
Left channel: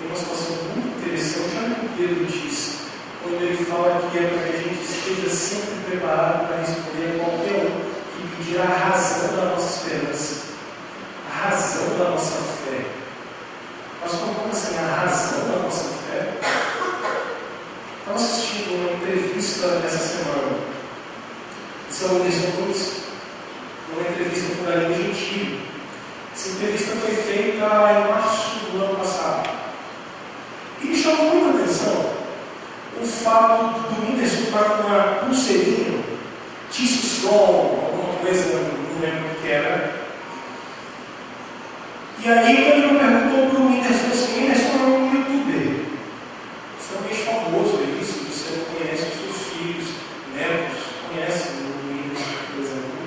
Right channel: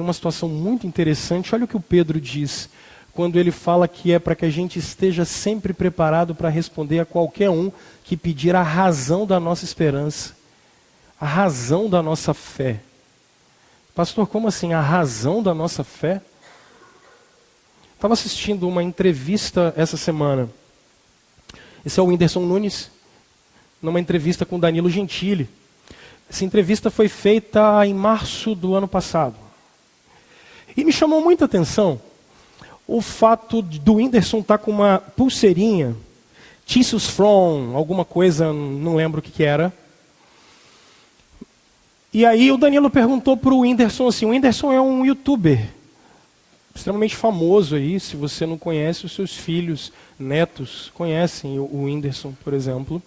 uma situação muito interessante. Olha o que o Pedro diz, quando ele fala que é para que a gente esteja sempre preparado para responder a qualquer um que pedir a razão da nossa esperança, a razão da nossa fé. Pastor, como assim, a razão da nossa fé? Estava assistindo uma entrevista essa semana. Esse é o Whindersson Nunes, numa entrevista com Danilo Gentili. Essa entrevista foi feita em março do ano passado. E me chamou muita atenção o fato do Whindersson estar com uma pulseirinha, Tissues From, alguma coisa, não lembro o que era. E aí o Danilo perguntou para o Whindersson assim: o Whindersson é um youtuber extremamente famoso aí, se você não conhece, os seus filhos, netos, conhecem o Whindersson, por exemplo.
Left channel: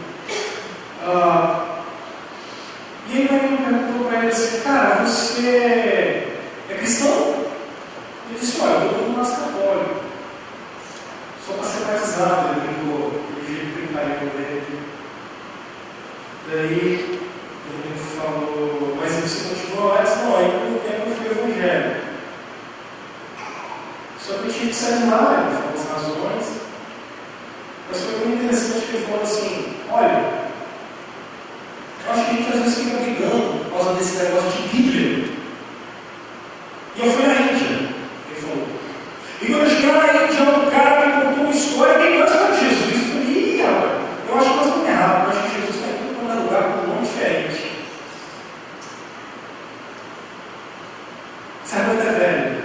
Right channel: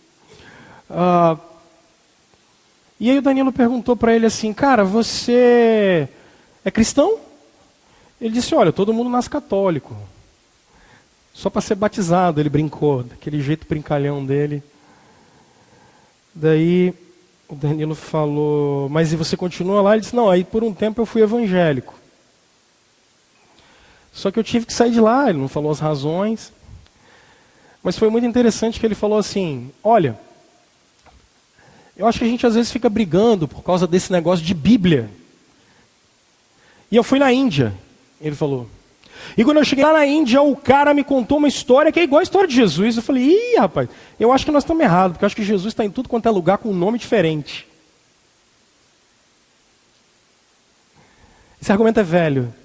E aí Danilo perguntou para ele assim, cara, você é cristão? Ele disse, olha, todo mundo nasce católico. Só para ser batizado, ele brincou, aquele jeito brincalhão dele. Daí o Danilo falou, mas você continua lá? Ele disse, não, aí por um tempo eu fui evangélico. Só que eu tive que sair de lá, ele falou as razões. Mas foi muito interessante que ele falou assim, olha, eu acho que a gente às vezes fica brigando por causa desse negócio de Bíblia. E eu fui na Índia, ele falou. E quando eu cheguei lá na Índia, um cara me contou uma história que é igual a história de Jesus. Eu falei, ih, rapaz, eu acho que nós estamos errados, porque eu acho que Jesus está em tudo quanto é lugar com um nome diferente. Esse argumento é velho.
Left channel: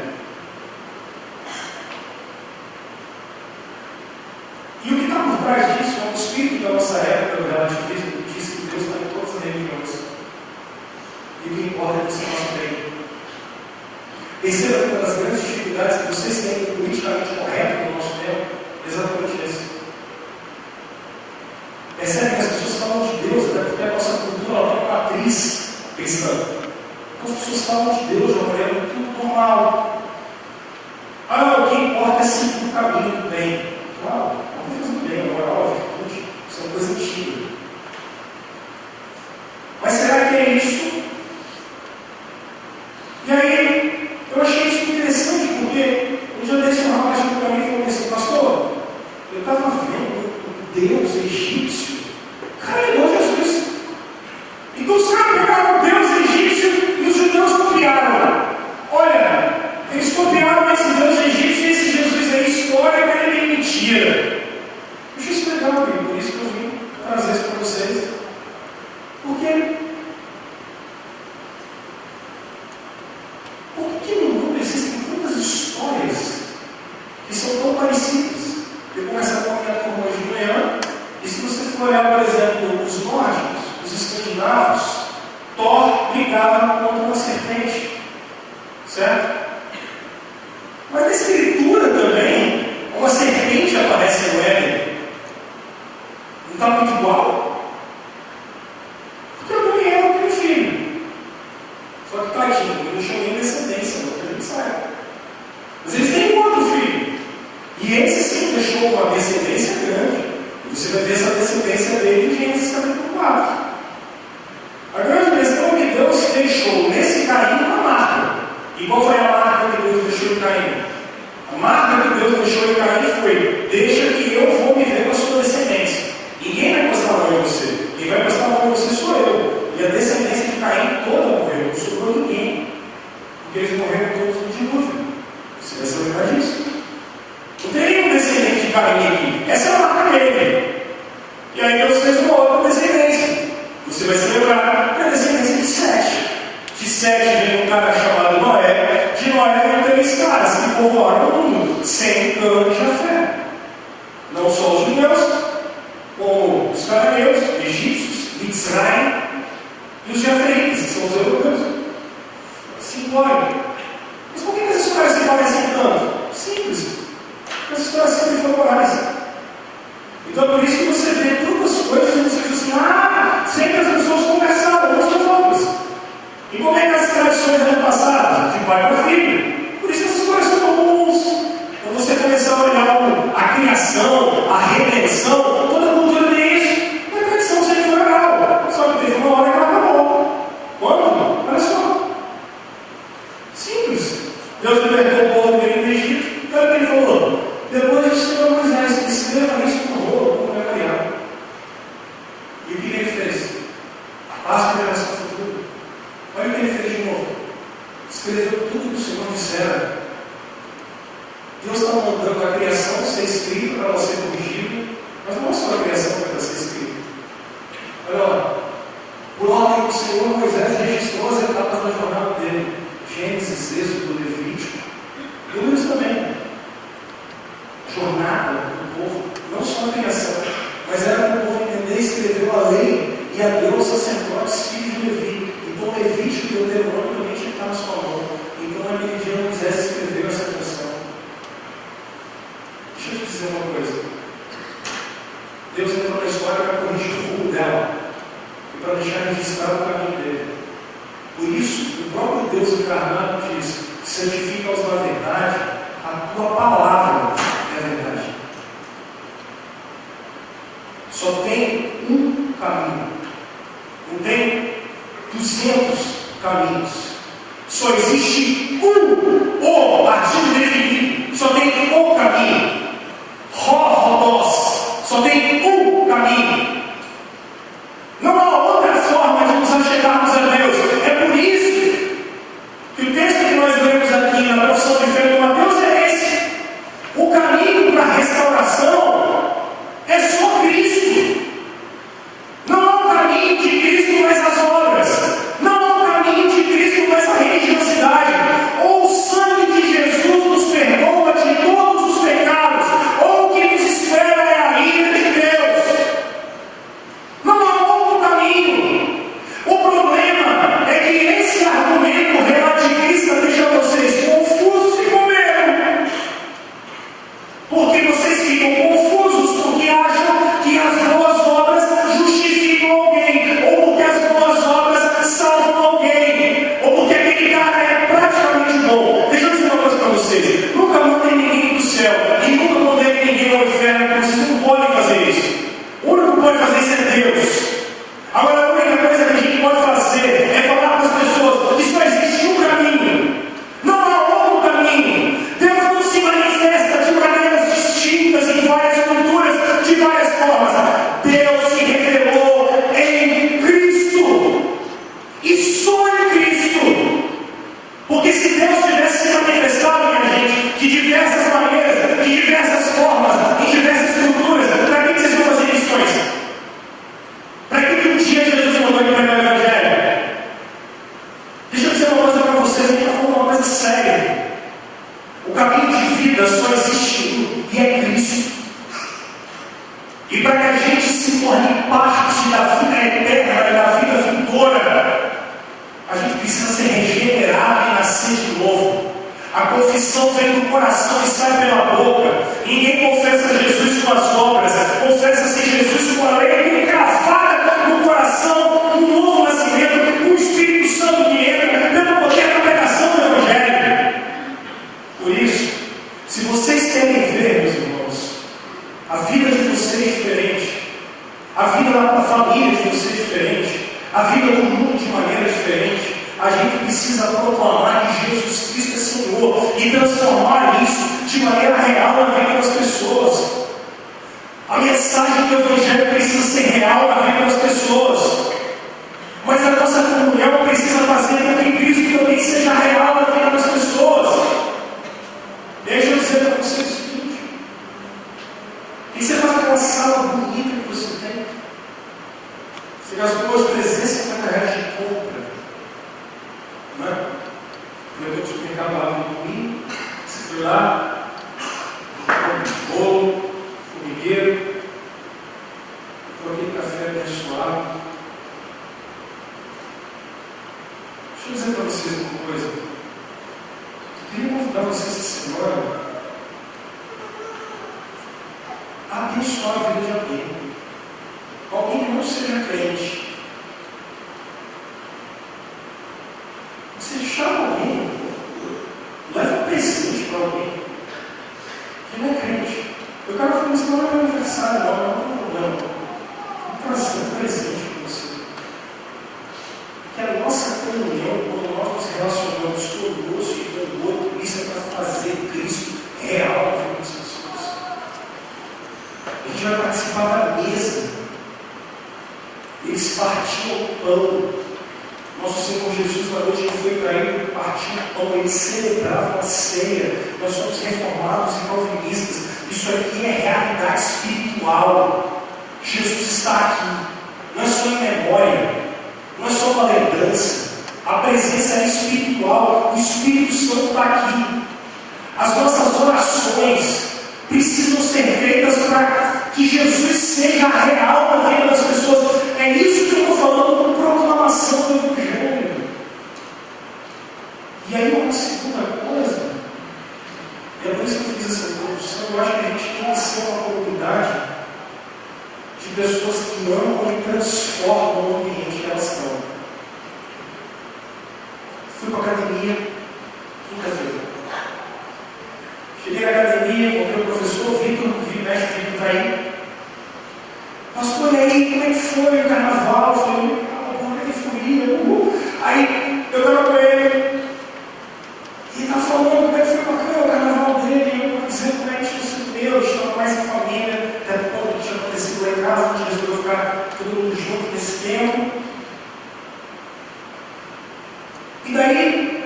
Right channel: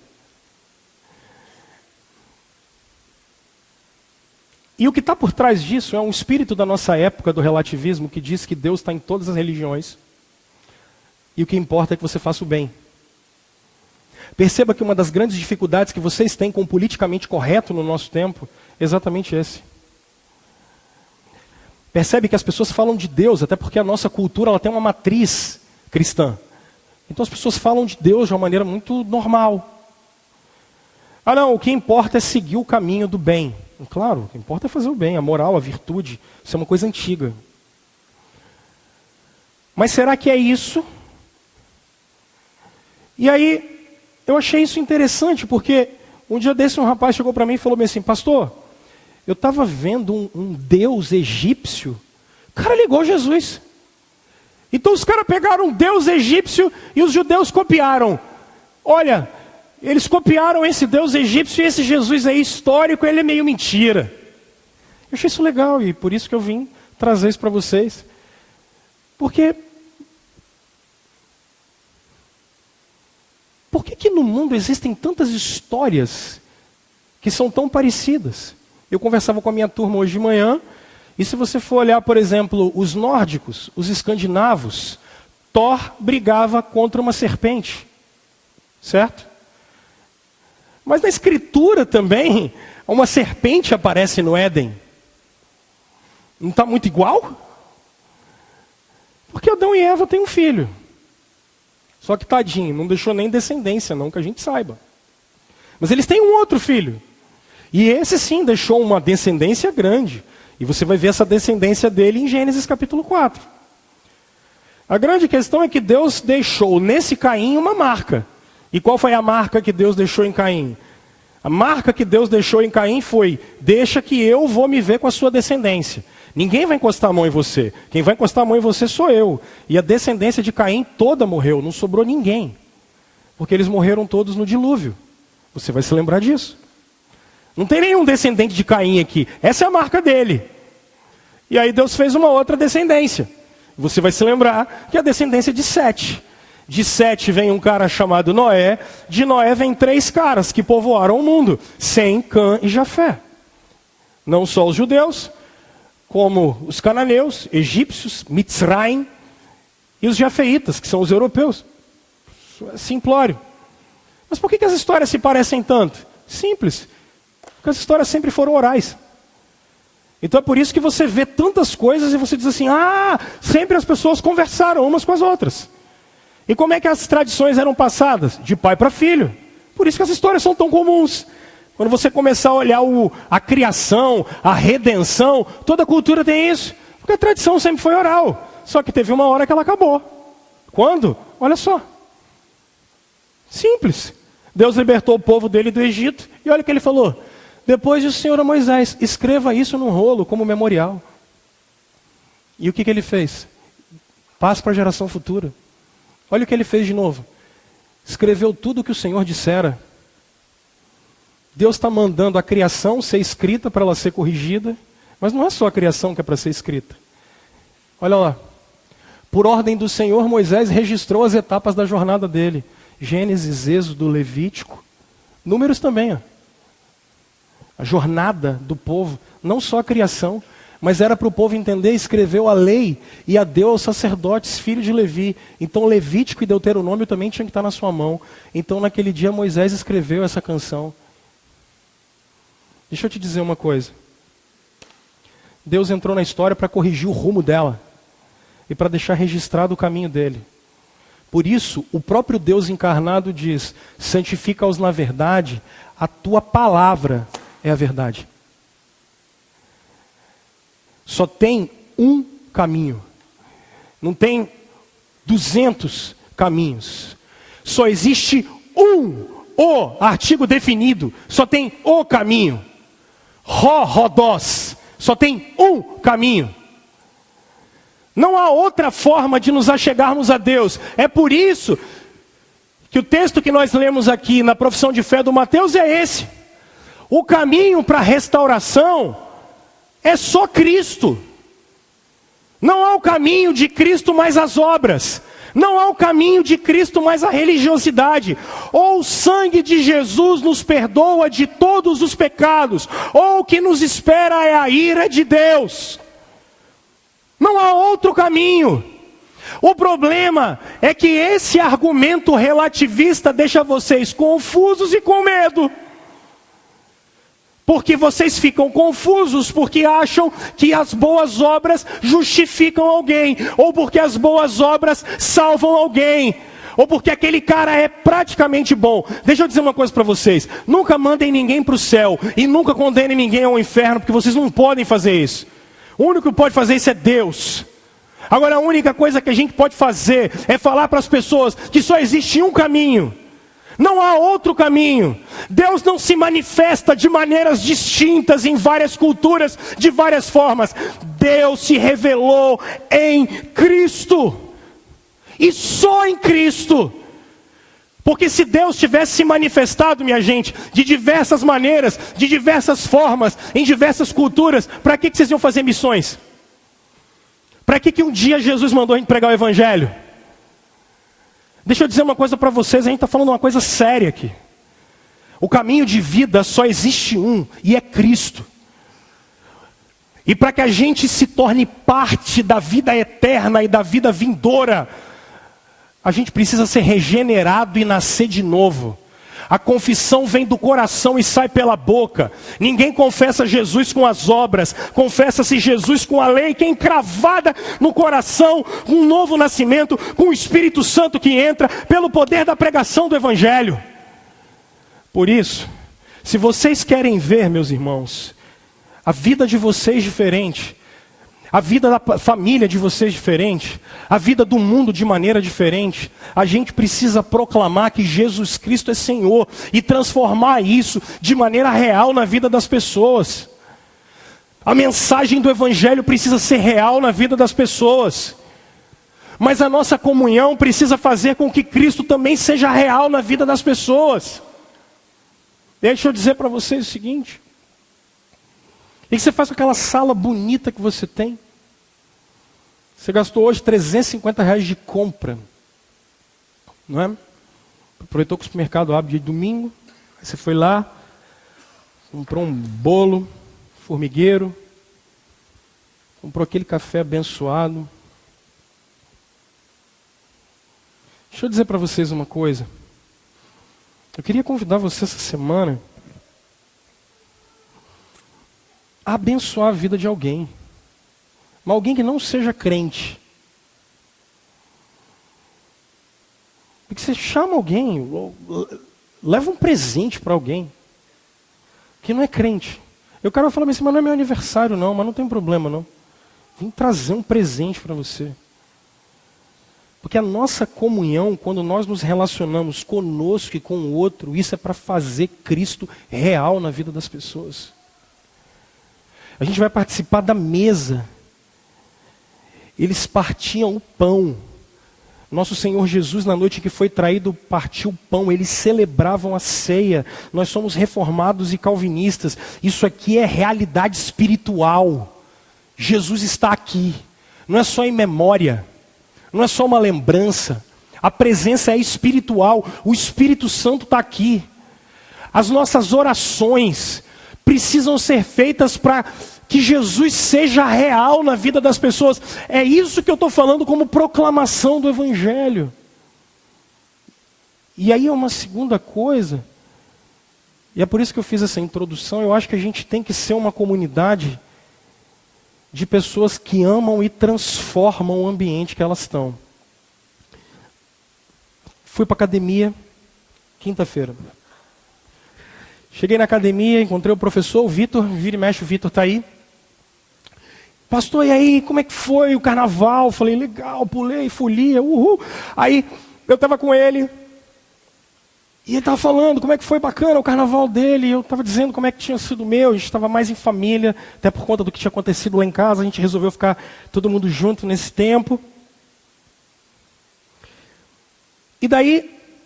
E o que está por trás disso é um espírito da nossa época do relativismo que diz que Deus está em todas as religiões. E o que importa é que você faça o bem. Perceba que uma das grandes dificuldades que vocês têm com o politicamente correto no nosso tempo é exatamente esse. Percebe que as pessoas falam de Deus, até porque a nossa cultura ela tem uma matriz cristã. Então as pessoas falam de Deus de uma maneira muito normal. Ah não, o que importa é seguir o caminho do bem. Claro, o que importa é fazer o bem, a moral, a virtude. Isso é uma coisa antiga. Mas será que é isso? E aí, eu achei isso interessante, porque um dia desse um rapaz chegou para mim e falou assim, pastor, eu estava vendo um Deus egípcio. Cara, ele é igual Jesus. Então os caras pegaram um Deus egípcio e os judeus copiaram. Olha, eles copiaram esse Deus egípcio e esse Jesus aí histórico, ele é meio mentira. Eu achei isso legal e por isso que eu vim trazer isso para vocês. Por que no mundo existem tantas histórias que são tão parecidas? Eu conversava com a minha turma hoje de manhã, e se você for olhar, por exemplo, os nórdicos, os escandinavos, Thor brigava contra uma serpente, certo? Mas na escritura também, uma serpente aparece no Éden. Não está muito igual? Porque Adão e Eva têm um filho. Só que tadinho, não deixou nem descendência, não que a gente saiba. Mas eles têm um outro filho. E esse sim deixou uma descendência grande. E você vai ver essa descendência dele em Gênesis capítulo 4. A grande questão é que Deus deixou nesse Caim uma marca. E qual foi a marca que Deus deixou em Caim? A marca que Deus deixou em Caim foi: deixa que eu vou me ver com a sua descendência. Ninguém vai encostar a mão em você. Quem vai encostar a mão em você sou eu. E a descendência de Caim toda morreu, não sobrou ninguém. Porque eles morreram todos no dilúvio. Você vai se lembrar disso. Não tem nenhum descendente de Caim aqui. Essa é a marca dele. E aí Deus fez uma outra descendência. Você vai se lembrar que é a descendência de Sete. De Sete vem um cara chamado Noé. De Noé vem 3 caras que povoaram o mundo: Sem, Cã e Jafé. Não só os judeus, como os cananeus, egípcios, Mitzrayim, e os jafeitas, que são os europeus. Simplório. Mas por que as histórias se parecem tanto? Simples. Porque as histórias sempre foram orais. Então é por isso que você vê tantas coisas e você diz assim: sempre as pessoas conversaram umas com as outras. E como é que as tradições eram passadas? De pai para filho. Por isso que as histórias são tão comuns. Quando você começar a olhar a criação, a redenção, toda a cultura tem isso. E a tradição sempre foi oral. Só que teve uma hora que ela acabou. Quando? Olha só. Simples. Deus libertou o povo dele do Egito. E olha o que ele falou: depois o Senhor a Moisés, escreva isso no rolo como memorial. E o que ele fez? Passa para a geração futura. Olha o que ele fez de novo. Escreveu tudo o que o Senhor dissera. Deus está mandando a criação ser escrita para ela ser corrigida. Mas não é só a criação que é para ser escrita. Olha lá. Por ordem do Senhor, Moisés registrou as etapas da jornada dele. Gênesis, Êxodo, Levítico. Números também. A jornada do povo. Não só a criação, mas era para o povo entender. Escreveu a lei e a deu aos sacerdotes, filhos de Levi. Então Levítico e Deuteronômio também tinha que estar na sua mão. Então naquele dia Moisés escreveu essa canção. Deixa eu te dizer uma coisa. Deus entrou na história para corrigir o rumo dela e para deixar registrado o caminho dele. Por isso, o próprio Deus encarnado diz: santifica-os na verdade, a tua palavra é a verdade. Só tem um caminho, não tem 200 caminhos. Só existe o artigo definido, só tem o caminho. Rodós, só tem um caminho. Não há outra forma de nos achegarmos a Deus. É por isso que o texto que nós lemos aqui na profissão de fé do Mateus é esse. O caminho para a restauração é só Cristo. Não há o caminho de Cristo mais as obras. Não há o caminho de Cristo mais a religiosidade. Ou o sangue de Jesus nos perdoa de todos os pecados, ou o que nos espera é a ira de Deus. Não há outro caminho. O problema é que esse argumento relativista deixa vocês confusos e com medo. Porque vocês ficam confusos porque acham que as boas obras justificam alguém, ou porque as boas obras salvam alguém, ou porque aquele cara é praticamente bom. Deixa eu dizer uma coisa para vocês: nunca mandem ninguém para o céu e nunca condenem ninguém ao inferno, porque vocês não podem fazer isso. O único que pode fazer isso é Deus. Agora, a única coisa que a gente pode fazer é falar para as pessoas que só existe um caminho, não há outro caminho. Deus não se manifesta de maneiras distintas em várias culturas, de várias formas. Deus se revelou em Cristo, e só em Cristo. Porque se Deus tivesse se manifestado, minha gente, de diversas maneiras, de diversas formas, em diversas culturas, para que vocês iam fazer missões? Para que um dia Jesus mandou pregar o Evangelho? Deixa eu dizer uma coisa para vocês, a gente está falando uma coisa séria aqui. O caminho de vida só existe um, e é Cristo. E para que a gente se torne parte da vida eterna e da vida vindoura, a gente precisa ser regenerado e nascer de novo. A confissão vem do coração e sai pela boca. Ninguém confessa Jesus com as obras, confessa-se Jesus com a lei, que é encravada no coração, um novo nascimento, com o Espírito Santo que entra pelo poder da pregação do Evangelho. Por isso, se vocês querem ver, meus irmãos, a vida de vocês diferente, a vida da família de vocês diferente, a vida do mundo de maneira diferente, a gente precisa proclamar que Jesus Cristo é Senhor e transformar isso de maneira real na vida das pessoas. A mensagem do Evangelho precisa ser real na vida das pessoas. Mas a nossa comunhão precisa fazer com que Cristo também seja real na vida das pessoas. Deixa eu dizer para você o seguinte: o que você faz com aquela sala bonita que você tem? Você gastou hoje R$350 de compra, não é? Aproveitou que o supermercado abre de domingo, você foi lá, comprou um bolo, formigueiro, comprou aquele café abençoado. Deixa eu dizer para vocês uma coisa. Eu queria convidar você essa semana a abençoar a vida de alguém, mas alguém que não seja crente. Porque você chama alguém, leva um presente para alguém que não é crente. Eu quero falar isso, mas não é meu aniversário não, mas não tem problema não. Vou trazer um presente para você. Porque a nossa comunhão, quando nós nos relacionamos conosco e com o outro, isso é para fazer Cristo real na vida das pessoas. A gente vai participar da mesa. Eles partiam o pão. Nosso Senhor Jesus, na noite que foi traído, partiu o pão. Eles celebravam a ceia. Nós somos reformados e calvinistas. Isso aqui é realidade espiritual. Jesus está aqui. Não é só em memória. Não é só uma lembrança. A presença é espiritual. O Espírito Santo está aqui. As nossas orações precisam ser feitas para que Jesus seja real na vida das pessoas. É isso que eu estou falando como proclamação do Evangelho. E aí é uma uma segunda coisa, e é por isso que eu fiz essa introdução, eu acho que a gente tem que ser uma comunidade de pessoas que amam e transformam o ambiente que elas estão. Fui para a academia quinta-feira. Cheguei na academia, encontrei o professor, o Vitor, vira e mexe, o Vitor está aí. Pastor, e aí, como é que foi o carnaval? Eu falei, legal, pulei, folia, uhul. Aí, eu estava com ele, e ele estava falando como é que foi bacana o carnaval dele, e eu estava dizendo como é que tinha sido meu, a gente estava mais em família, até por conta do que tinha acontecido lá em casa, a gente resolveu ficar todo mundo junto nesse tempo. E daí,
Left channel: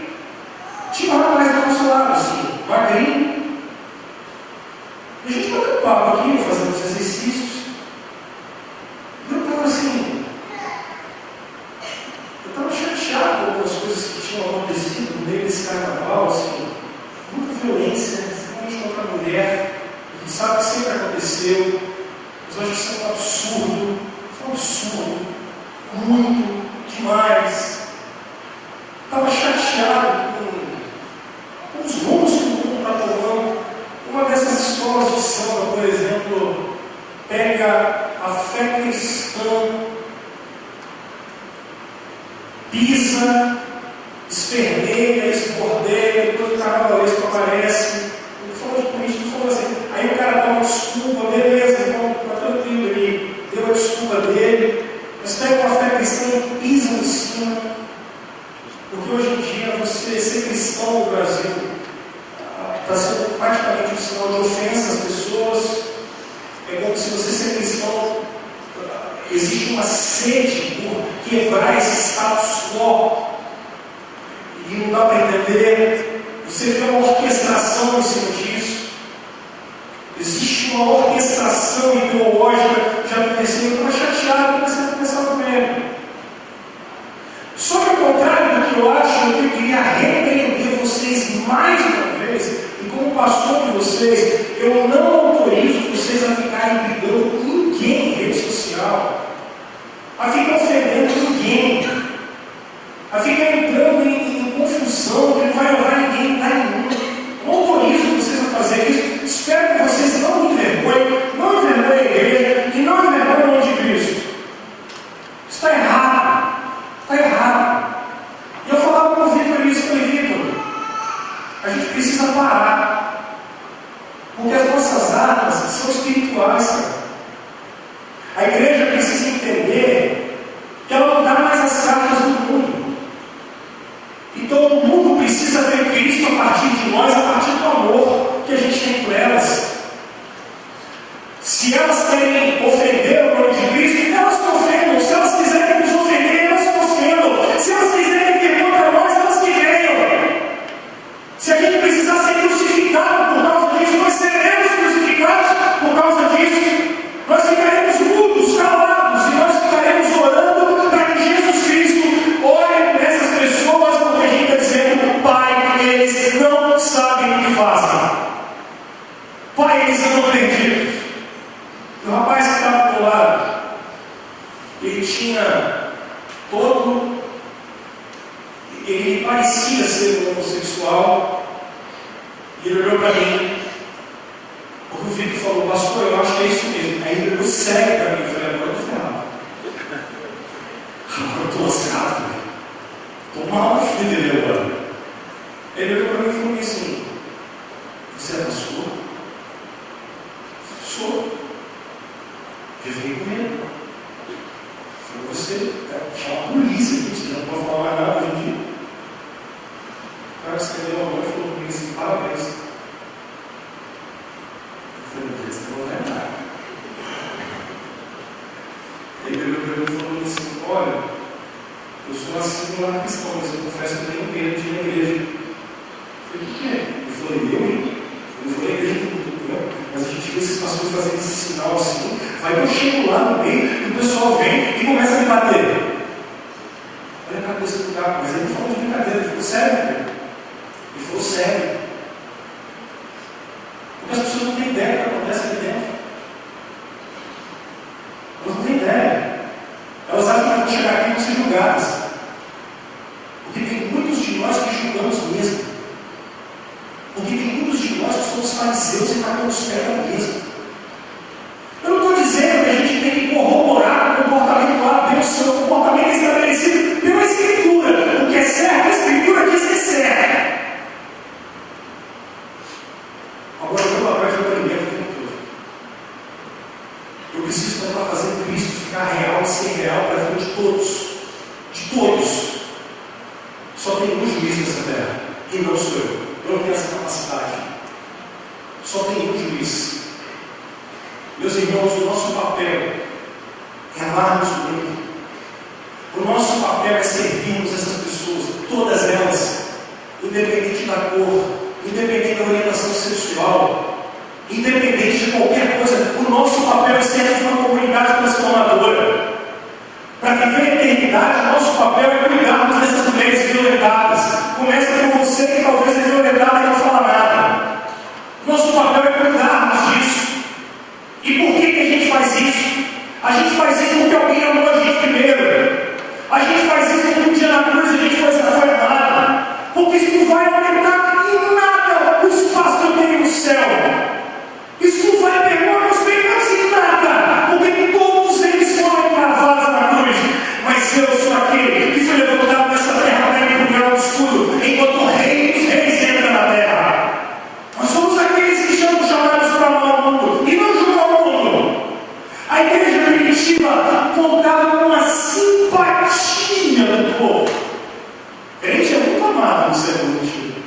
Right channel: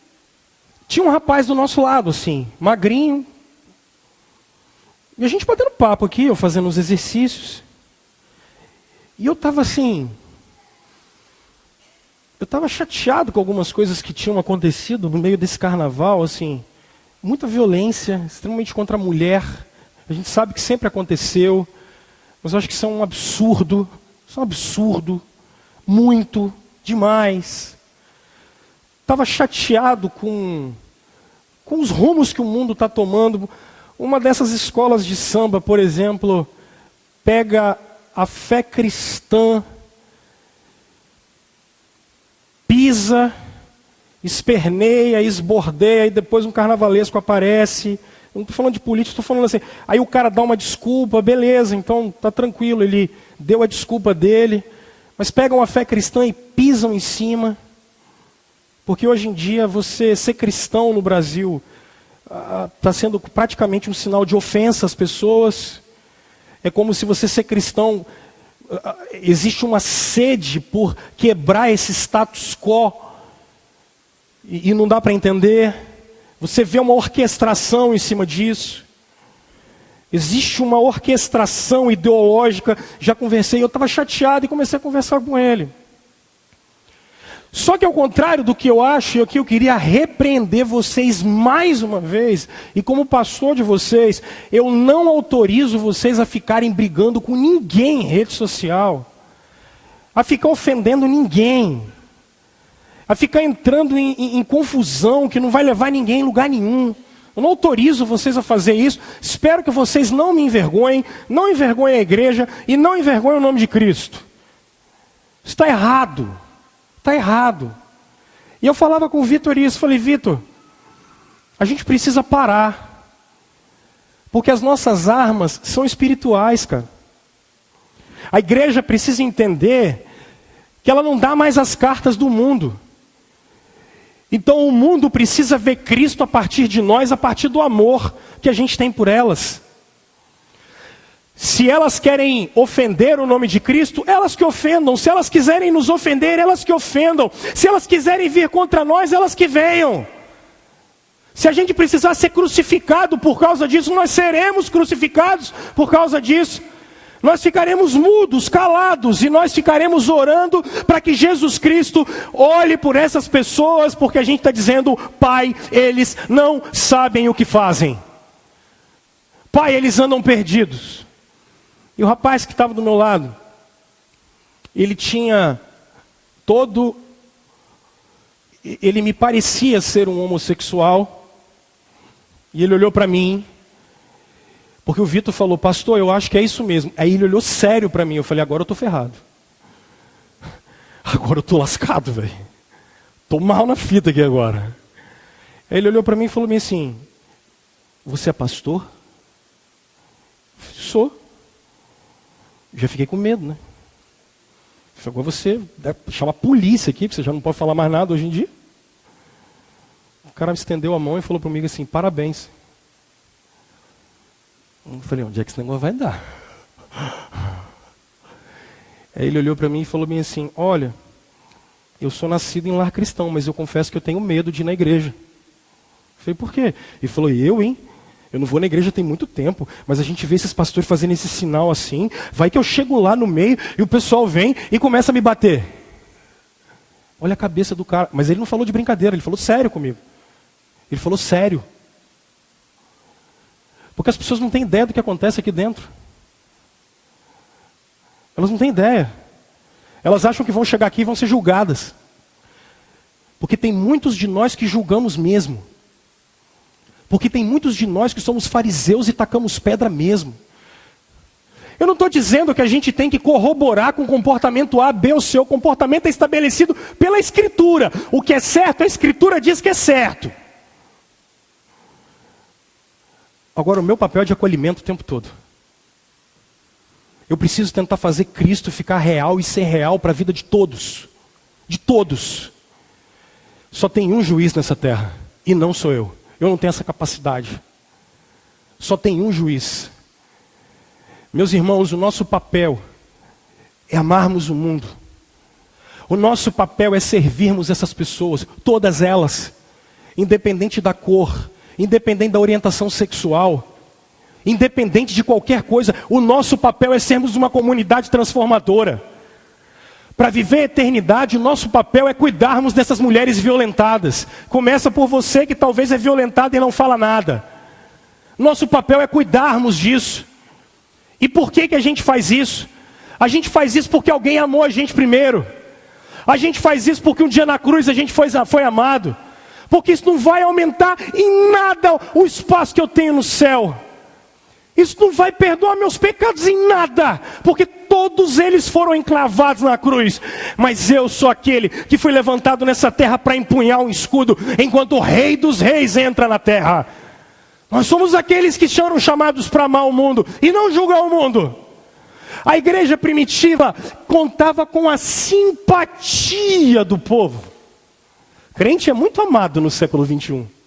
tinha um rapaz do nosso lado, assim, magrinho, e a gente batendo papo aqui, eu fazendo os exercícios, e eu estava assim, eu estava chateado com algumas coisas que tinham acontecido no meio desse carnaval, assim, muita violência, extremamente contra a mulher. A gente sabe que sempre aconteceu, mas eu acho que isso é um absurdo, muito, demais. Estava chateado com os rumos que o mundo está tomando. Uma dessas escolas de samba, por exemplo, pega a fé cristã, pisa, esperneia, esbordeia, e depois o carnavalesco aparece. Não estou falando de política, estou falando assim. Aí o cara dá uma desculpa, beleza, então está tranquilo, ele deu a desculpa dele, mas pegam a fé cristã e pisam em cima, porque hoje em dia você ser cristão no Brasil está sendo praticamente um sinal de ofensa às pessoas. É como se você ser cristão, existe uma sede por quebrar esse status quo, e não dá para entender. Você vê uma orquestração em cima disso. Existe uma orquestração ideológica. Já conversei, eu estava chateado e comecei a conversar com ele. Só que ao contrário do que eu acho, é que eu queria repreender vocês mais uma vez, e como pastor de vocês, eu não autorizo vocês a ficarem brigando com ninguém em rede social, a ficar ofendendo ninguém, a ficar entrando em confusão que não vai levar ninguém a lugar nenhum. Eu não autorizo vocês a fazer isso. Espero que vocês não me envergonhem, não envergonhem a igreja e não envergonhem o nome de Cristo. Isso está errado. Está errado. E eu falava com o Vitor isso, falei, Vitor, a gente precisa parar, porque as nossas armas são espirituais, cara. A igreja precisa entender que ela não dá mais as cartas do mundo. Então o mundo precisa ver Cristo a partir de nós, a partir do amor que a gente tem por elas. Se elas querem ofender o nome de Cristo, elas que ofendam. Se elas quiserem nos ofender, elas que ofendam. Se elas quiserem vir contra nós, elas que venham. Se a gente precisar ser crucificado por causa disso, nós seremos crucificados por causa disso. Nós ficaremos mudos, calados, e nós ficaremos orando para que Jesus Cristo olhe por essas pessoas, porque a gente está dizendo, Pai, eles não sabem o que fazem. Pai, eles andam perdidos. E o rapaz que estava do meu lado, ele tinha ele me parecia ser um homossexual, e ele olhou para mim, porque o Vitor falou, pastor, eu acho que é isso mesmo. Aí ele olhou sério para mim, eu falei, agora eu estou ferrado, agora eu estou lascado, velho, estou mal na fita aqui agora. Aí ele olhou para mim e falou assim, você é pastor? Sou. Já fiquei com medo, né? Foi para você chamar a polícia aqui, porque você já não pode falar mais nada hoje em dia. O cara estendeu a mão e falou comigo assim, parabéns. Eu falei, onde é que essa boa vai dar? Aí ele olhou para mim e falou assim, olha, eu sou nascido em um lar cristão, mas eu confesso que eu tenho medo de ir na igreja. Eu falei, por quê? Ele falou, eu não vou na igreja tem muito tempo, mas a gente vê esses pastores fazendo esse sinal assim, vai que eu chego lá no meio e o pessoal vem e começa a me bater. Olha a cabeça do cara, mas ele não falou de brincadeira, ele falou sério comigo. Ele falou sério. Porque as pessoas não têm ideia do que acontece aqui dentro. Elas não têm ideia. Elas acham que vão chegar aqui e vão ser julgadas. Porque tem muitos de nós que julgamos mesmo. Porque tem muitos de nós que somos fariseus e tacamos pedra mesmo. Eu não estou dizendo que a gente tem que corroborar com o comportamento A, B ou C. O comportamento é estabelecido pela Escritura. O que é certo, a Escritura diz que é certo. Agora, o meu papel é de acolhimento o tempo todo. Eu preciso tentar fazer Cristo ficar real e ser real para a vida de todos. De todos. Só tem um juiz nessa terra, e não sou eu. Eu não tenho essa capacidade. Só tem um juiz. Meus irmãos, o nosso papel é amarmos o mundo. O nosso papel é servirmos essas pessoas, todas elas, independente da cor, independente da orientação sexual, independente de qualquer coisa. O nosso papel é sermos uma comunidade transformadora. Para viver a eternidade, o nosso papel é cuidarmos dessas mulheres violentadas. Começa por você que talvez é violentado e não fala nada. Nosso papel é cuidarmos disso. E por que a gente faz isso? A gente faz isso porque alguém amou a gente primeiro. A gente faz isso porque um dia na cruz a gente foi amado. Porque isso não vai aumentar em nada o espaço que eu tenho no céu. Isso não vai perdoar meus pecados em nada, porque todos eles foram encravados na cruz. Mas eu sou aquele que foi levantado nessa terra para empunhar o escudo, enquanto o Rei dos Reis entra na terra. Nós somos aqueles que são chamados para amar o mundo e não julgar o mundo. A igreja primitiva contava com a simpatia do povo. Crente é muito amado no século 21.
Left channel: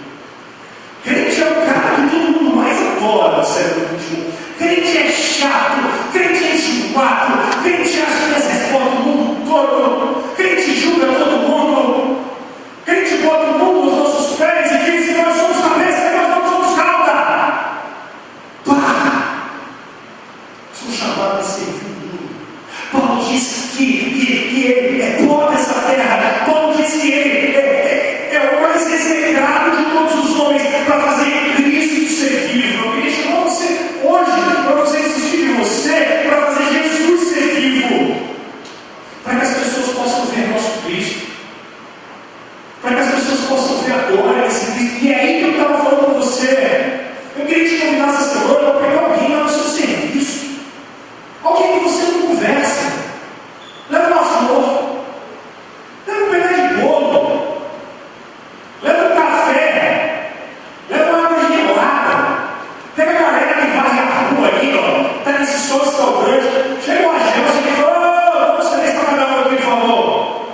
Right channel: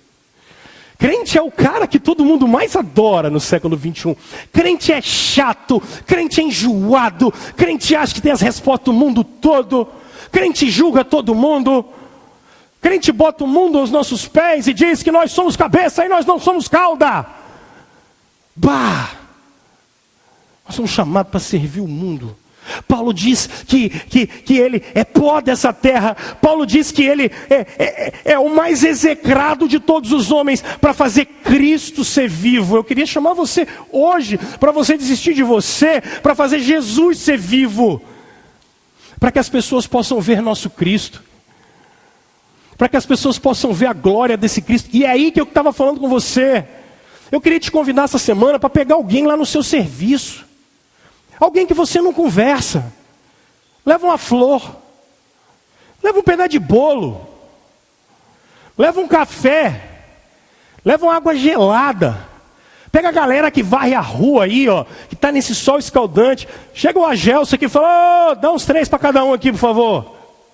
Crente é o cara que todo mundo mais adora no século 21. Crente é chato, crente é enjoado, crente acha que tem as respostas do mundo todo, crente julga todo mundo, crente bota o mundo aos nossos pés e diz que nós somos cabeça e nós não somos cauda. Bah! Nós somos chamados para servir o mundo. Paulo diz que ele é pó dessa terra. Paulo diz que ele é o mais execrado de todos os homens para fazer Cristo ser vivo. Eu queria chamar você hoje para você desistir de você, para fazer Jesus ser vivo, para que as pessoas possam ver nosso Cristo, para que as pessoas possam ver a glória desse Cristo. E é aí que eu estava falando com você. Eu queria te convidar essa semana para pegar alguém lá no seu serviço, alguém que você não conversa. Leva uma flor, leva um pedaço de bolo, leva um café, leva uma água gelada. Pega a galera que varre a rua aí, ó, que está nesse sol escaldante. Chega uma Gelson aqui e fala: dá uns 3 para cada um aqui, por favor.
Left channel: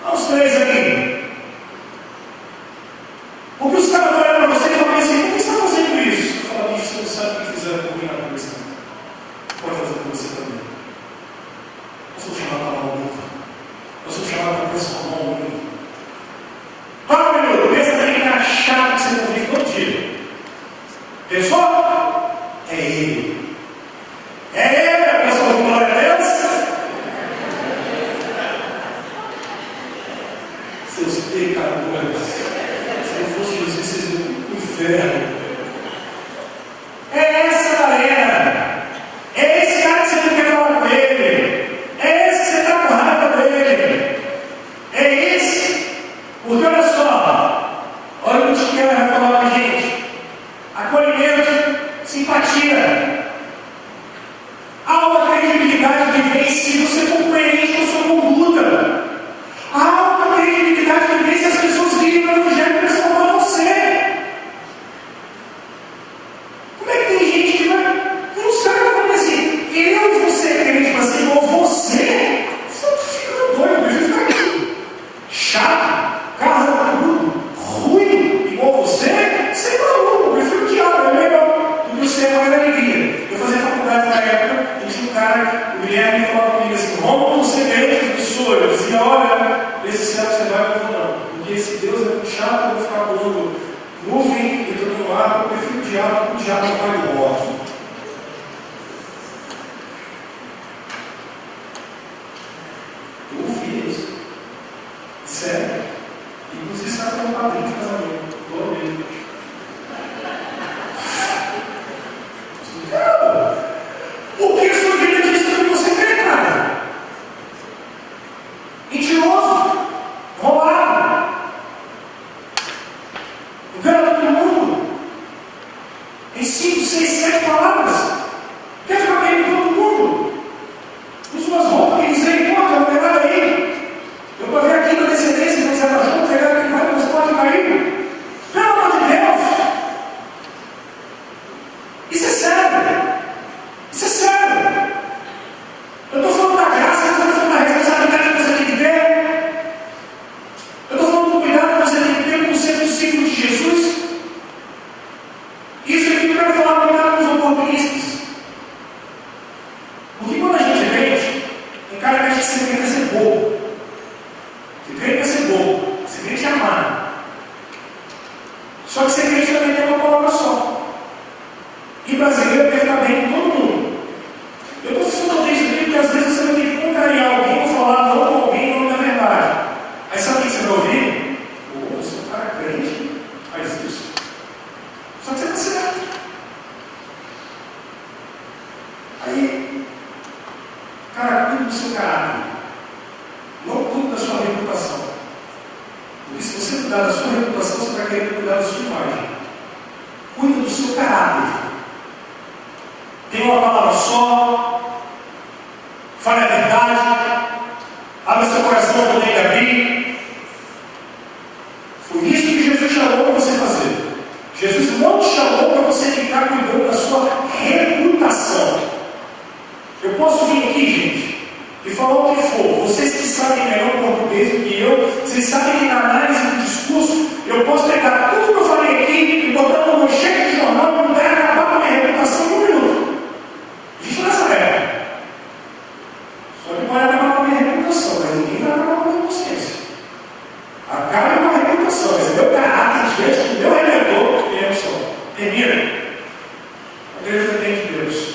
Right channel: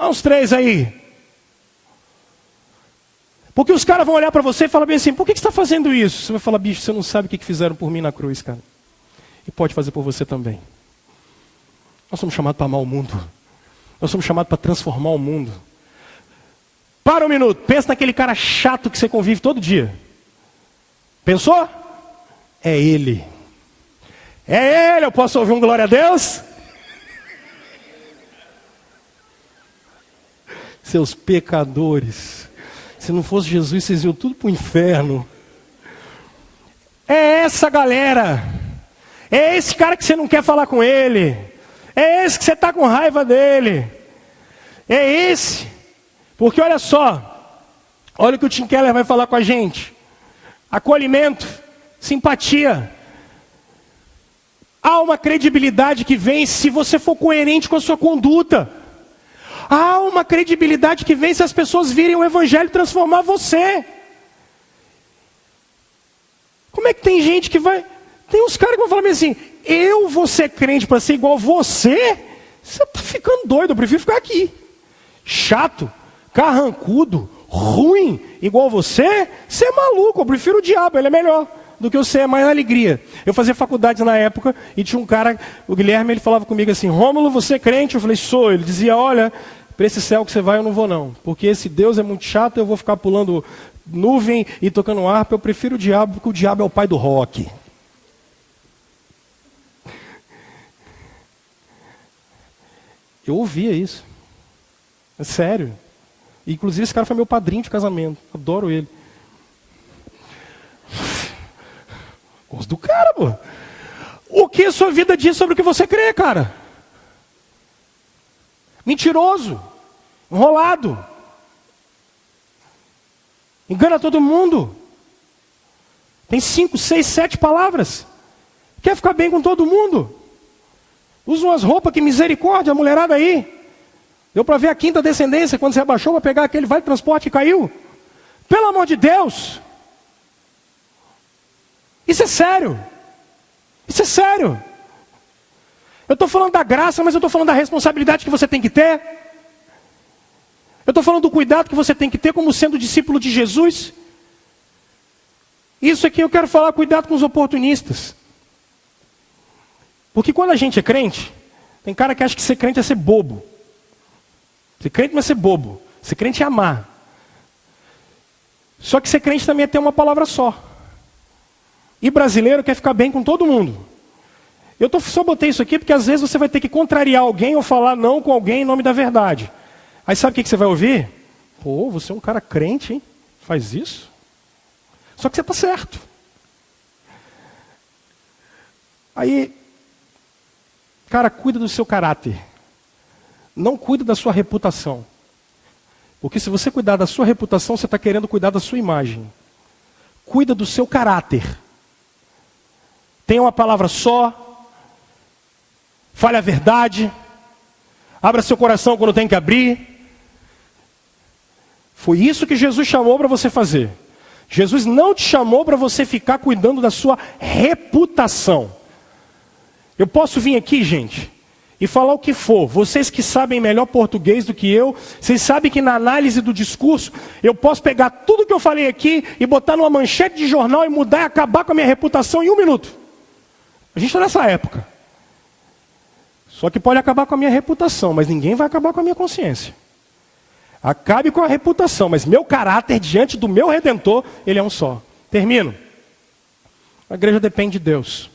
Dá uns 3 aí. Porque os caras vão olhar para você e falar assim: por que você está fazendo isso? Você vai falar: bicho, você não sabe o que fizeram por mim na cruz, tá? E pode fazer por você também. Nós somos chamados para amar o mundo. Nós somos chamados para transformar o mundo. Para um minuto, pensa naquele cara chato que você convive todo dia. Pensou? É ele. É ele. Eu posso ouvir glória a Deus? Seus pecadores. Se não fosse Jesus, vocês iam tudo para o inferno. É essa galera. É esse cara que você não quer falar com ele. É esse que você está com raiva dele. É esse. Porque olha só, olha o que o Tim Keller vai falar para a gente. Acolhimento, simpatia. Há uma credibilidade que vem se você for coerente com a sua conduta. Há uma credibilidade que vem se as pessoas virem o Evangelho transformar você. Como é que tem gente que vai... Tem uns caras que vão dizer assim: eu vou ser crente para ser igual a você? Você está ficando doido, eu prefiro ficar aqui. Chato, carrancudo, ruim, igual você? Você é maluco, eu prefiro o diabo, ele é melhor do que você, é a maior alegria. Eu fazia faculdade na época e tinha um cara, o Guilherme, ele falava comigo assim: Rômulo, você é crente? Eu falei: sou. Ele dizia: olha, para esse céu que você vai eu não vou não, porque esse Deus é muito chato, eu vou ficar pulando nuvem e tocando harpa. Eu prefiro o diabo, porque o diabo é o pai do rock. Eu ouvia isso. É sério. Inclusive esse cara foi meu padrinho de casamento. Adoro ele. Gosto do cara, mano. O que a sua vida diz sobre o que você crê, cara? Mentiroso. Enrolado. Engana todo mundo. Tem 5, 6, 7 palavras. Quer ficar bem com todo mundo. Usa umas roupas, que misericórdia, mulherada aí. Deu para ver a quinta descendência, quando você abaixou, vou pegar aquele vai transporte e caiu. Pelo amor de Deus. Isso é sério. Isso é sério. Eu estou falando da graça, mas eu estou falando da responsabilidade que você tem que ter. Eu estou falando do cuidado que você tem que ter como sendo discípulo de Jesus. Isso aqui eu quero falar, cuidado com os oportunistas. Porque quando a gente é crente, tem cara que acha que ser crente é ser bobo. Ser crente não é ser bobo. Ser crente é amar. Só que ser crente também tem uma palavra só. E brasileiro quer ficar bem com todo mundo. Eu só botei isso aqui porque às vezes você vai ter que contrariar alguém ou falar não com alguém em nome da verdade. Aí sabe o que você vai ouvir? Pô, você é um cara crente, hein? Faz isso? Só que você está certo. Aí, cara, cuide do seu caráter. Não cuide da sua reputação. Porque se você cuidar da sua reputação, você está querendo cuidar da sua imagem. Cuida do seu caráter. Tenha uma palavra só. Fale a verdade. Abra seu coração quando tem que abrir. Foi isso que Jesus chamou para você fazer. Jesus não te chamou para você ficar cuidando da sua reputação. Eu posso vir aqui, gente, e falar o que for. Vocês que sabem melhor português do que eu, vocês sabem que na análise do discurso, eu posso pegar tudo que eu falei aqui e botar numa manchete de jornal, mudar e acabar com a minha reputação em 1 minuto. A gente está nessa época. Só que pode acabar com a minha reputação, mas ninguém vai acabar com a minha consciência. Acabe com a reputação, mas meu caráter diante do meu Redentor, ele é um só. Termina. A igreja depende de Deus.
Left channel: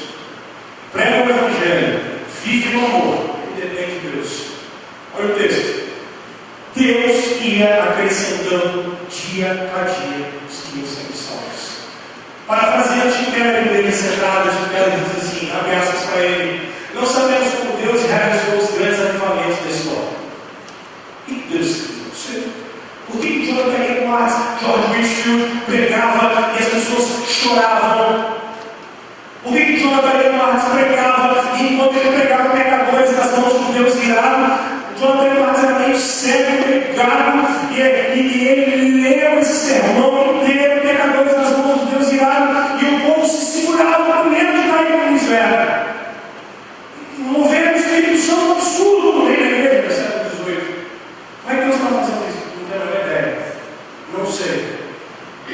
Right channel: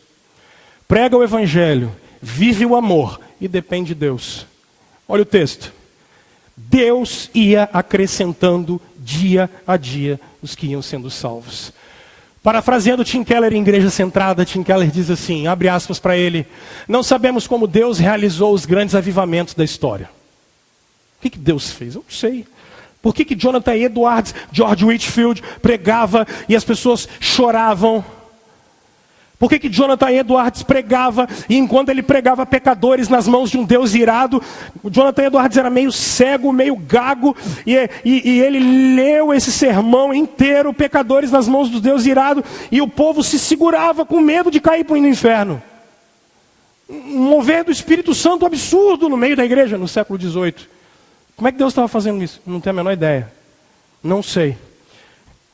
Prega o Evangelho, vive o amor e depende de Deus. Olha o texto. Deus ia acrescentando dia a dia os que iam sendo salvos. Parafraseando Tim Keller da Igreja Centrada, Tim Keller diz assim, abre aspas para ele: não sabemos como Deus realizou os grandes avivamentos da história. O que Deus fez? Eu não sei. Por que Jonathan Edwards, George Whitefield pregava e as pessoas choravam? Por que Jonathan Edwards pregava e enquanto ele pregava pecadores nas mãos de um Deus irado, Jonathan Edwards era meio cego, meio gago, e ele leu esse sermão inteiro, pecadores nas mãos do Deus irado, e o povo se segurava com medo de cair para o inferno. Um mover do Espírito Santo absurdo no meio da igreja no século XVIII. Como é que Deus estava fazendo isso? Não tenho a menor ideia. Não sei.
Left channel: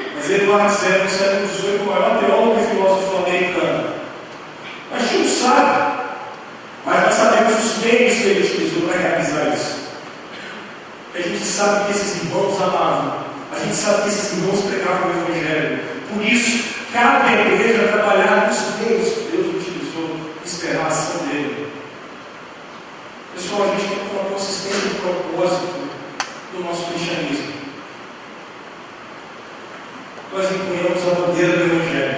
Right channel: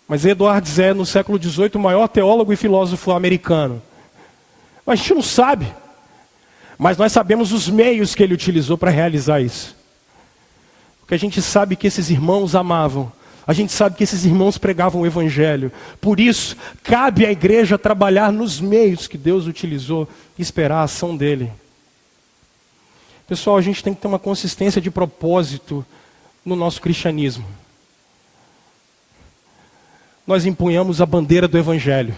Mas Edwards é, no século XVIII, o maior teólogo e filósofo americano. A gente não sabe. Mas nós sabemos os meios que ele utilizou para realizar isso. Que a gente sabe que esses irmãos amavam. A gente sabe que esses irmãos pregavam o Evangelho. Por isso, cabe à igreja trabalhar nos meios que Deus utilizou e esperar a ação dele. Pessoal, a gente tem que ter uma consistência de propósito no nosso cristianismo. Nós empunhamos a bandeira do Evangelho.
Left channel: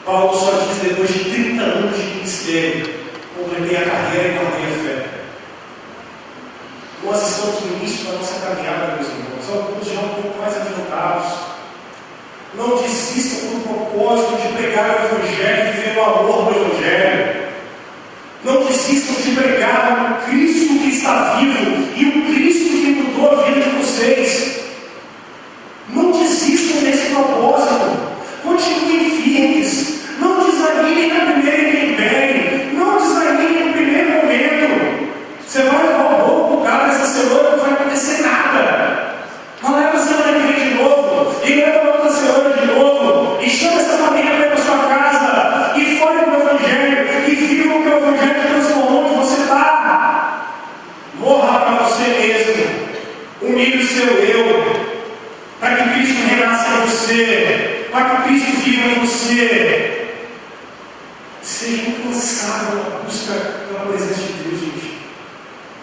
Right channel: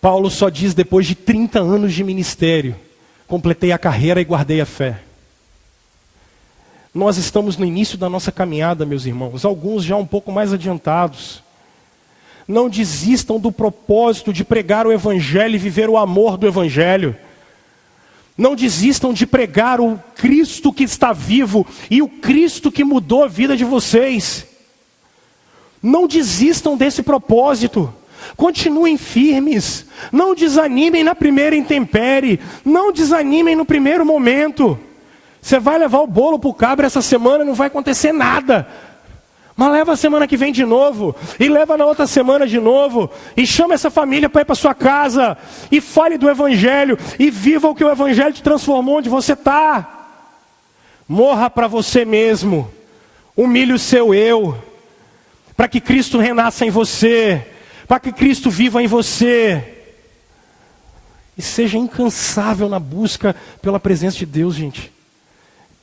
Paulo só diz depois de 30 anos de ministério: completei a carreira e guardei a fé. Nós estamos no início da nossa caminhada, meus irmãos, alguns já um pouco mais adiantados. Não desistam do propósito de pregar o Evangelho e viver o amor do Evangelho. Não desistam de pregar o Cristo que está vivo e o Cristo que mudou a vida de vocês. Não desistam desse propósito. Continuem firmes. Não desanimem na primeira intempérie. Não desanimem no primeiro momento. Você vai levar o bolo para o cabra essa semana, não vai acontecer nada. Mas leva a semana que vem de novo. E leva na outra semana de novo. E chama essa família para ir para sua casa. E fale do Evangelho. E viva o que o Evangelho te transformou onde você está. Morra para você mesmo. Humilhe o seu eu. Para que Cristo renasça em você, para que Cristo viva em você, e seja incansável na busca pela presença de Deus, gente.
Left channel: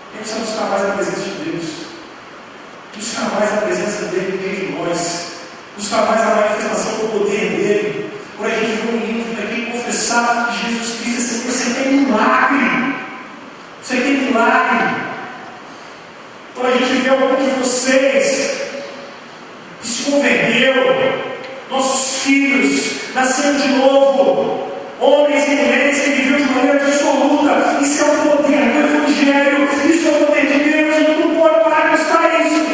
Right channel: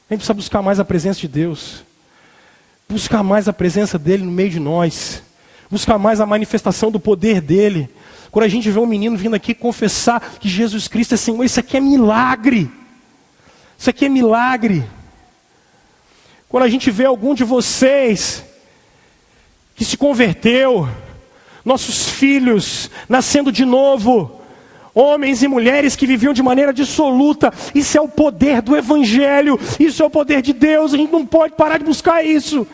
A gente precisa buscar mais a presença de Deus, buscar mais a presença dEle no meio de nós, buscar mais a manifestação do poder dEle. Quando a gente vê um menino vindo aqui confessar que Jesus Cristo é Senhor, isso aqui é milagre, isso aqui é milagre. Quando a gente vê algum de vocês que se converteu, nossos filhos nascendo de novo, homens e mulheres que viviam de maneira dissoluta. Isso é o poder do Evangelho, isso é o poder de Deus. A gente não pode parar de buscar isso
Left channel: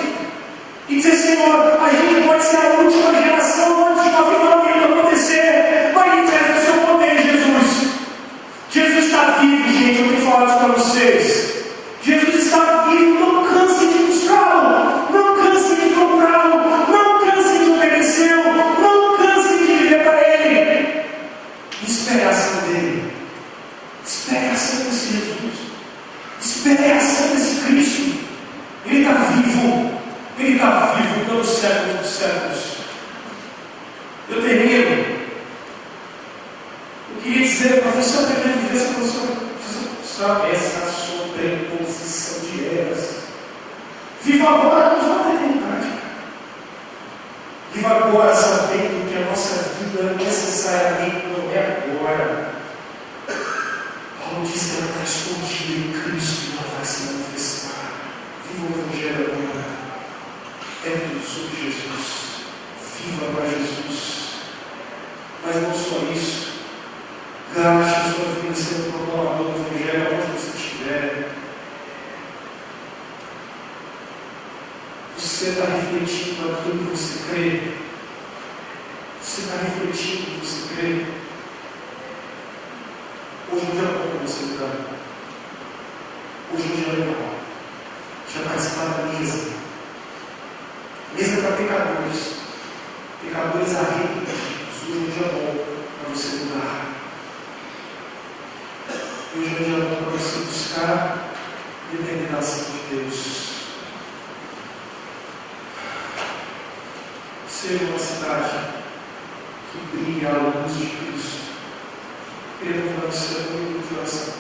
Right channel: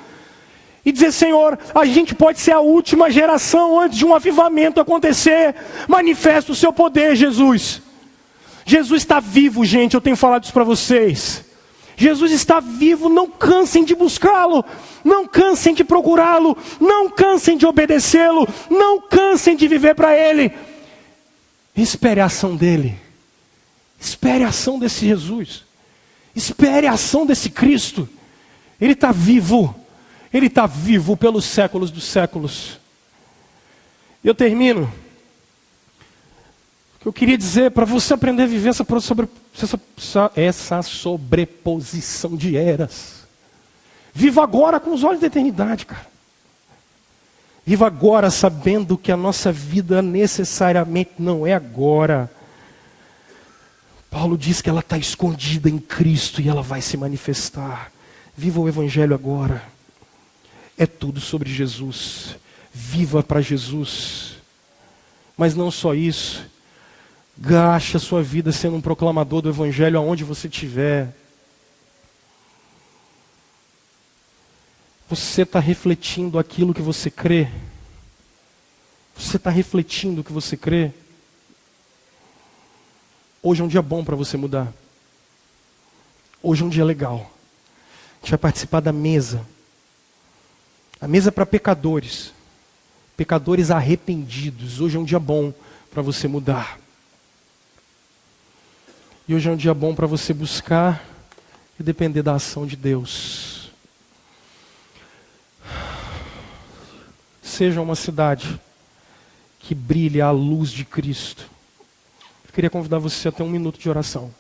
e dizer: Senhor, a gente pode ser a última geração antes de um avivamento acontecer. Manifesta o seu poder, Jesus. Jesus está vivo, gente, eu tenho falado isso para vocês. Jesus está vivo, não cansem de buscá-lo, não cansem de procurá-lo, não cansem de obedecê-lo, não cansem de viver para Ele. Espere a ação dele, espere a ação desse Jesus, espere a ação desse Cristo. Ele está vivo, Ele está vivo pelos séculos dos séculos. Eu termino. Eu queria dizer para você aprender a viver essa sobreposição de eras. Viva agora com os olhos da eternidade, cara. Viva agora sabendo que a nossa vida necessariamente não é agora. Paulo diz que ela está escondida em Cristo e ela vai se manifestar. Viva o Evangelho agora. É tudo sobre Jesus. Viva para Jesus. Mas não só isso. Gaste a sua vida sendo um proclamador do Evangelho aonde você estiver. Você está refletindo aquilo que você crê? Você está refletindo o que você crê? Hoje é um dia bom para você mudar. Hoje é um dia legal. A gente vai participar da mesa. A mesa para pecadores. Pecadores arrependidos. Hoje é um dia bom para você mudar. E hoje é um dia bom para você buscar e depender da ação de Deus. Seja uma cidade que brilhe à luz de Cristo. Queria convidar você a ter um minuto de oração.